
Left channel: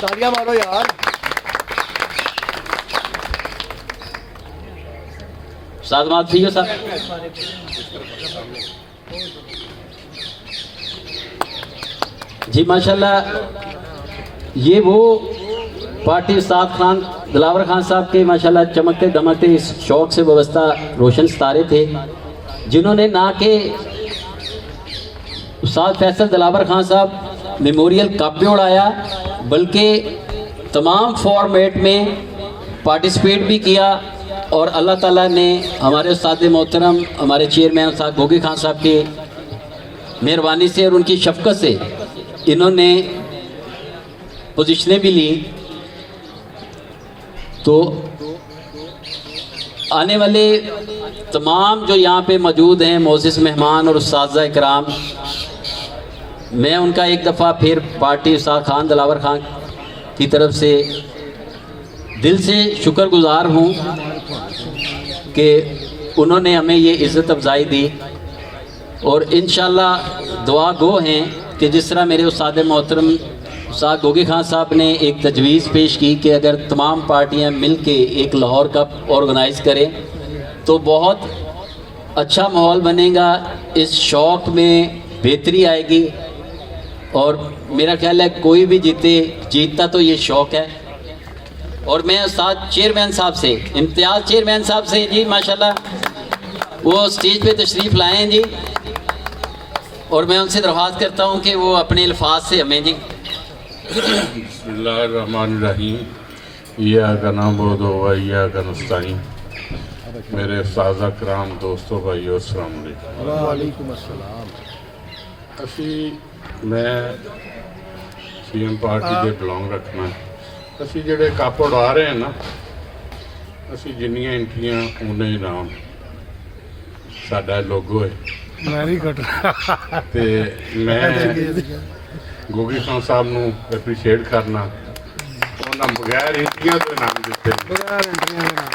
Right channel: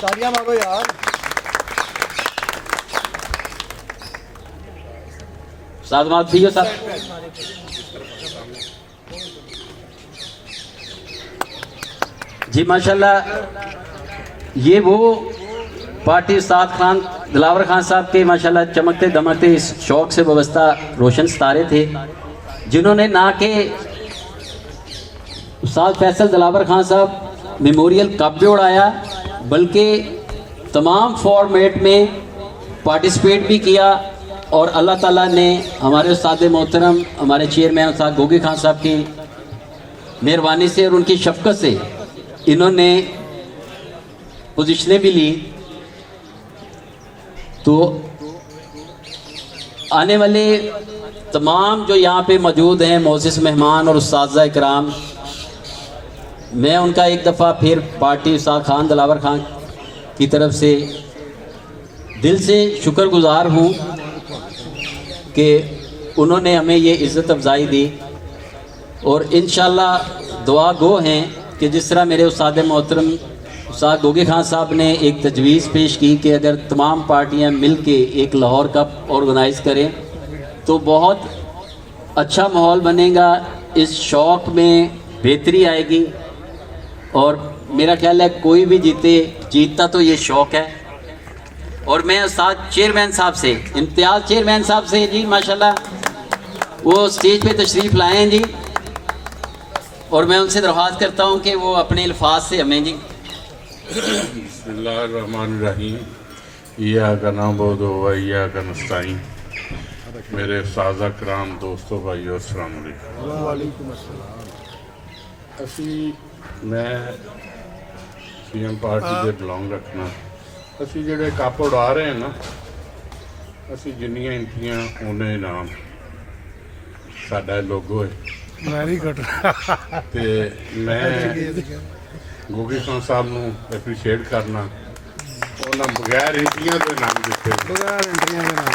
तालियां मारो यार। उस्ताद हमाद फिया साहब। जी माशाल्लाह ये वो पार्टी उस्ताद खान दिलावर खान साहब के माशाल्लाह चमकते दमकते इस शौक से वाबस्ता रोशन सितारे थे, जिन्होंने ना कि उस्ताद फैसल दिलावर खान साहब मेमोरियल कप भी उड़ाया बल्कि तमाम फॉर्मेट में पार्टिसिपेट भी किया। और अल्लाह ताला ने हमारे उस्ताद मोहतरम हमारे चेयरमैन उस्ताद गोगी खान साहब के मेहरबानी से और उनकी शफकत से इन्होंने पोजीशनें भी ली। तो आने वाले तमाम जो यहाँ पे मौजूद हैं मोअज़्ज़िज़ मेहमान और उस्ताद इकराम, मैं उनका एक दफ़ा फिर पार्टी उस्ताद खान दिलावर खान की तरफ से दिल से शुक्रगुज़ार हूँ कि उन्होंने हमें ये इज़्ज़त अफ़ज़ाई दी। और इंशाअल्लाह दुआ गो हैं कि जिस तरह मेरे उस्ताद मोहतरम उस्ताद गोगी खान साहब ने एक तजवीज़ पेश की कि अगर तमाम पार्टियां मिलके एक लाहौर कप ऑर्गेनाइज़ करें तो बहुत अच्छा माहौल बनेगा, इस शौक़ में बेहतरी आएगी। और मेरा ख्याल है कोई भी जीतता तो ये शौक़ है। और मैं उस्ताद चेयरमैन साहब से, इम्तियाज़ चेयरमैन साहब से जी माशाल्लाह वो स्टेज पे तशरीफ़ लाए हैं जी, और मैं उनसे दरख्वास्त करता हूँ कि वो अपने अल्फाज से हमें जी। बिस्मिल्लाहिर्रहमानिर्रहीम, इय्याका नअबुदु व इय्याका नस्तईन। मेरे साज़ा कराम दोस्तों भाइयों अस्सलाम वालेकुम। वालेकुम अस्सलाम। असी मैं सीएम पार्टी के बिलोंग रखना। असी जेडे कप उड़ा रहे हैं ना, असी जिन्नियां एंट्रियां उन्ने इनाम साडा लोगो है। Very good. ते मैं गोगी खान साहब नूं एप्रीशिएट करना, उन्होंने बगैर एंट्रियां तो इनाम दिते। बगैर एंट्रियां दे नाम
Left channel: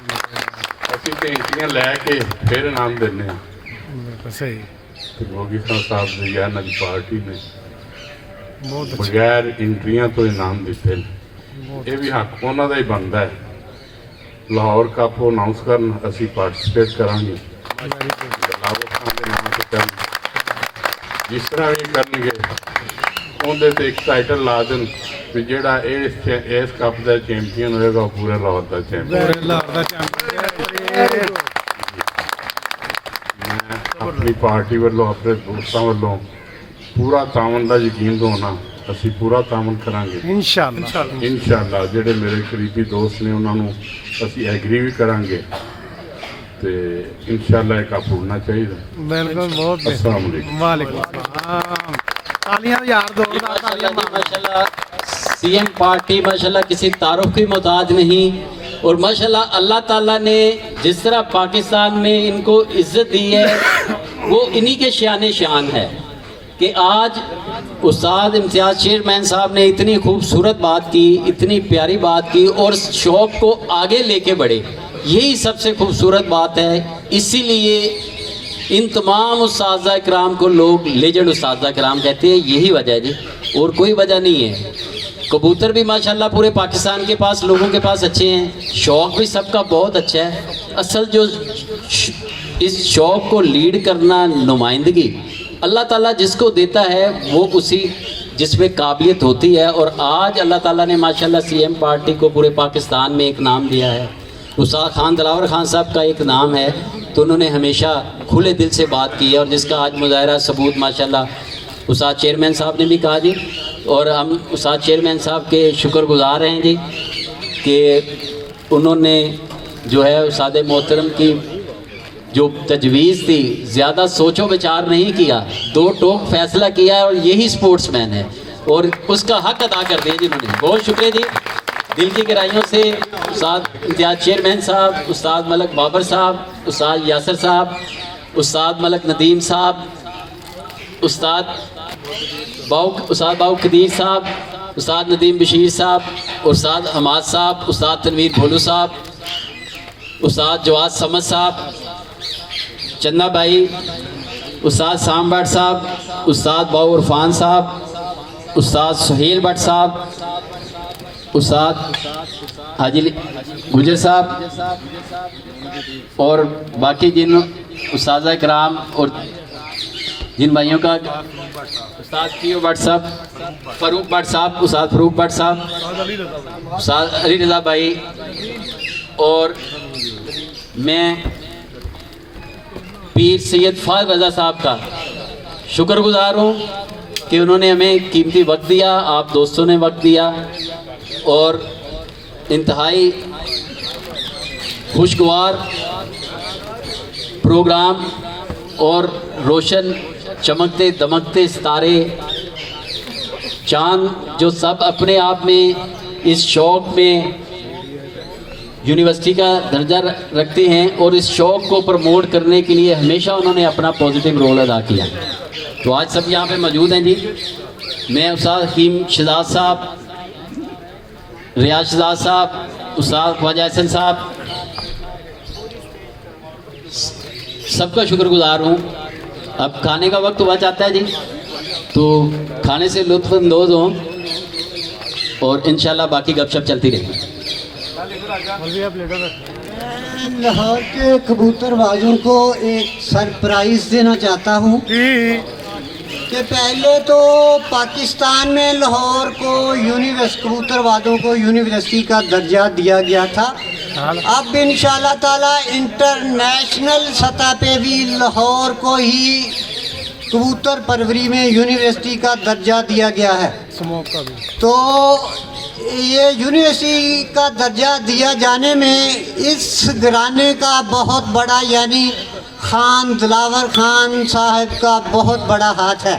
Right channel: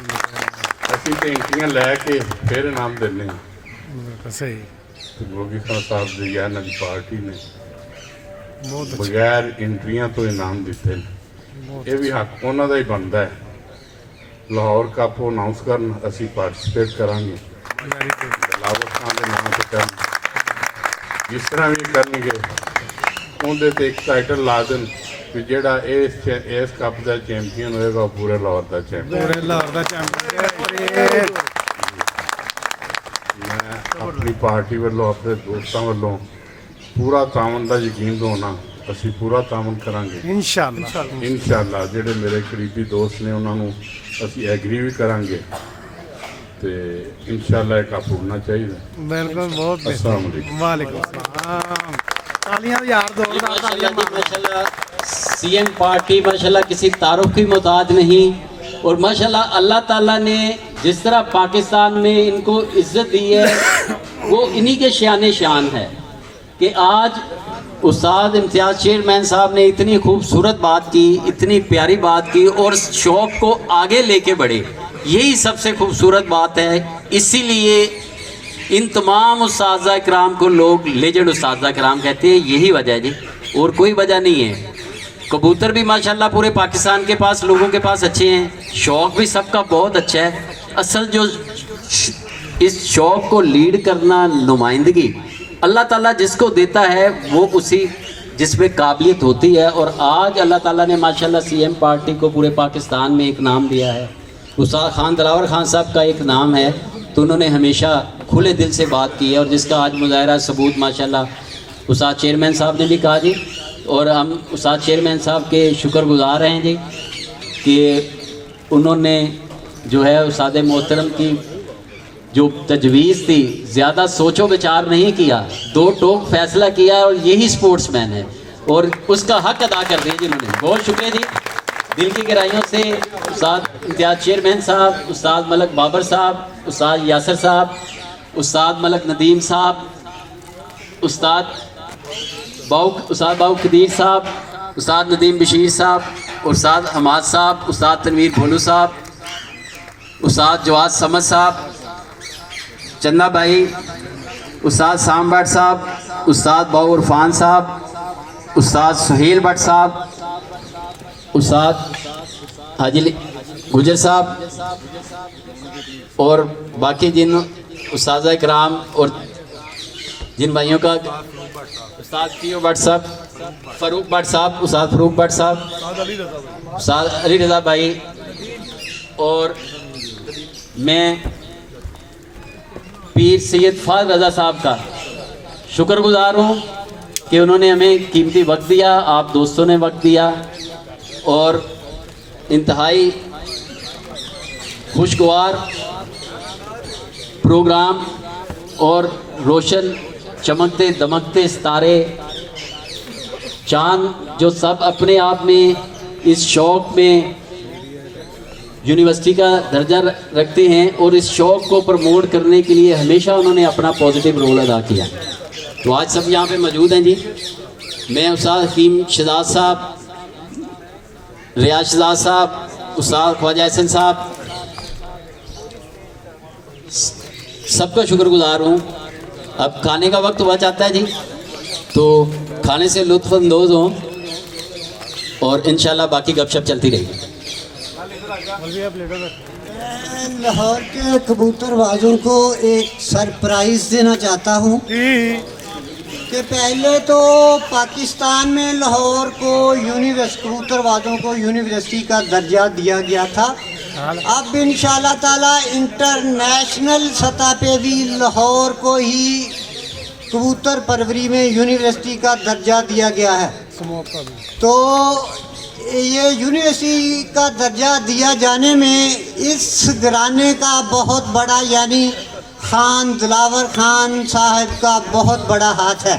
असी तो एंट्रियां लैके फिर इनाम देने। बिल्कुल सही। गोगी खान साहब की या नई पार्टी ने बहुत अच्छा। बगैर एंट्रियां तो इनाम दिते, ये भी हक उन्हों का ही बनता है। लाहौर कप अनाउंस करन असी पार्टिसिपेट करांगे। Very good. दिलावर खान के नाम से कर जिस तरह भी करनगे उनके ते एक टाइटल ला देन भी जेड़ा इस कप का चैंपियन होएगा वो पूरे लाहौर का चैंपियन। पूरे लाहौर का चैंपियन। मैं अपनी पार्टी वालों अपने दोस्तों वालों पूरा तामन का यकीन दोना, असी पूरा तामन करांगे इंशाअल्लाह। इंशाअल्लाह। जेडे मेरे करीबी दोस्त ने उन्होंने असी एग्री भी करांगे तो इंशाअल्लाह एक कप उड़ना चाहिए। बिल्कुल बहुत अस्सलाम वालेकुम। वालेकुम अस्सलाम। तालियां यार जोरदार तालियां मारो। माशाल्लाह सीएम पार्टी माशाल्लाह किसी तारुफ की मोहताज नहीं। और माशाल्लाह अल्लाह ताला ने जिस तरह पाकिस्तान में इनको इज्जत दी है वो इन्हीं के शान शान है कि आज उस्ताद इम्तियाज़ चेयरमैन साहब ने इतनी खूबसूरत बात की, इतनी प्यारी बात की और शौक़ को आगे लेके बढ़े। यही सबसे खूबसूरत बात है। इसीलिए इन तमाम उस्ताज़ा किराम को लोग लेजेंड उस्ताज़ा किराम कहते हैं, यही वजह है जी, और कोई वजह नहीं है। कबूतर भी माशाल्लाह पूरे पाकिस्तान के पास लोगों के पास अच्छे हैं, शौक़ भी सबका बहुत अच्छा है। असल जो इस शौक़ को लीड करना, नुमाइंदगी अल्लाह ताला जिसको देता है वो उसी जिस पे काबिलियत होती है। और आज अल्लाह ताला ने माशाल्लाह सीएम पार्टी को पूरे पाकिस्तान में एक नाम दिया है। उस्ताद खान दिलावर खान साहब का एक नाम है, तो उन्होंने हमेशा खुले दिल से बात की है, और जिसका आज मुजाहरा सबूत माशाल्लाह उस्ताद चेयरमैन साहब ने भी कहा जी। और हम उस्ताद चेयरमैन साहब के शुक्रगुजार हैं जी कि उन्होंने जो है उस्ताद मोहतरम की जो तजवीज़ थी, ज़्यादा सोचो विचार नहीं किया, दो टोक फैसला किया, और यही स्पोर्ट्समैन है, और उसका हक अदा कर दिया जिन्होंने। बहुत शुक्रिया जी, दिल की गहराइयों से उस्ताद इम्तियाज़ चेयरमैन साहब, उस्ताद मलक बाबर साहब, उस्ताद यासर साहब, उस्ताद मलक नदीम साहब, उस्ताद बाऊ कदीर साहब, उस्ताद नदीम बशीर साहब, उस्ताद हमाद साहब, उस्ताद तनवीर भोलू साहब, उस्ताद जवाद समद साहब, चन्ना भाई, उस्ताद साम भट्ट साहब, उस्ताद बाऊ इरफान साहब, उस्ताद सुहेल भट्ट साहब, उस्ताद हाजी गुजर साहब, और बाकी जिन उस्ताज़ा कराम और जिन भाइयों का उस्ताद पीओ भट्ट साहब, फ़रूक भट्ट साहब, उस्ताद फ़रूक भट्ट साहब, उस्ताद अली रज़ा भाई, और मैं पीर सैयद फ़ाज़ रज़ा साहब का शुक्रगुजार हूँ कि उन्होंने हमें कीमती वक्त दिया, आप दोस्तों ने वक्त दिया, और इंतहाई खुशगवार प्रोग्राम और रोशन चमकते दमकते सितारे चांद जो सब अपने आप में इस शौक़ में यूनिवर्सिटी का दर्जा रखते हैं, और इस शौक़ को प्रमोट करने के लिए हमेशा उन्होंने अपना पॉजिटिव रोल अदा किया। तो आज सब यहाँ पे मौजूद हैं जी। मैं उस्ताद हकीम शहजाद साहब, रियाज शहजाद साहब, उस्ताद ख्वाजा हसन साहब, सबका शुक्रगुजार हूँ। अब खाने का वक्त हुआ चाहता है जी, तो खाने से लुत्फ़अंदोज़ हों, और इंशाल्लाह बाकी गपशप चलती रहेगी। लाहौर के कबूतरबाजों को एक सरप्राइज़ देना चाहता हूँ कि पहले तो पाकिस्तान में लाहौर को कबूतरबाजों को यूनिवर्सिटी का दर्जा दिया गया था। अब इंशाल्लाह ताला इंटरनेशनल सतह पे भी लाहौर को ही कबूतर परवरी में यूनिवर्सिटी का दर्जा दिया गया है। तो ये यूनिवर्सिटी का दर्जा दिया जाने में इस घराने का बहुत बड़ा, यानी खान दिलावर खान साहब का बहुत बड़ा हाथ है।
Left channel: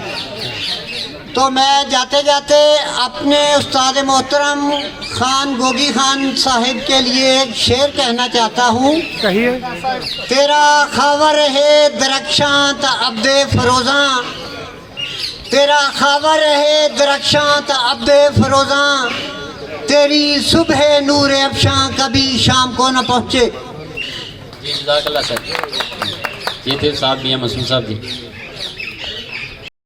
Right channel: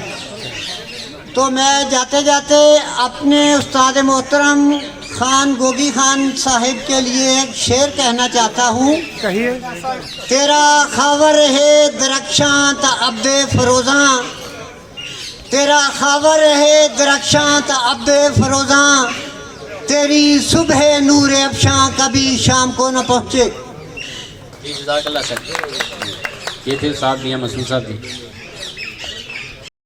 तो मैं जाते जाते अपने उस्ताद मोहतरम खान गोगी खान साहिब के लिए एक शेर कहना चाहता हूँ। कहिए। तेरा खावर है दरख्शां ता अब्दे फरोज़ा, तेरा खावर है दरख्शां ता अब्दे फरोज़ा, तेरी सुबह नूर अफशां कभी शाम को न पहुँचे। जी जज़ाकल्लाह सर। ये थे साहब मियां मसूद साहब जी।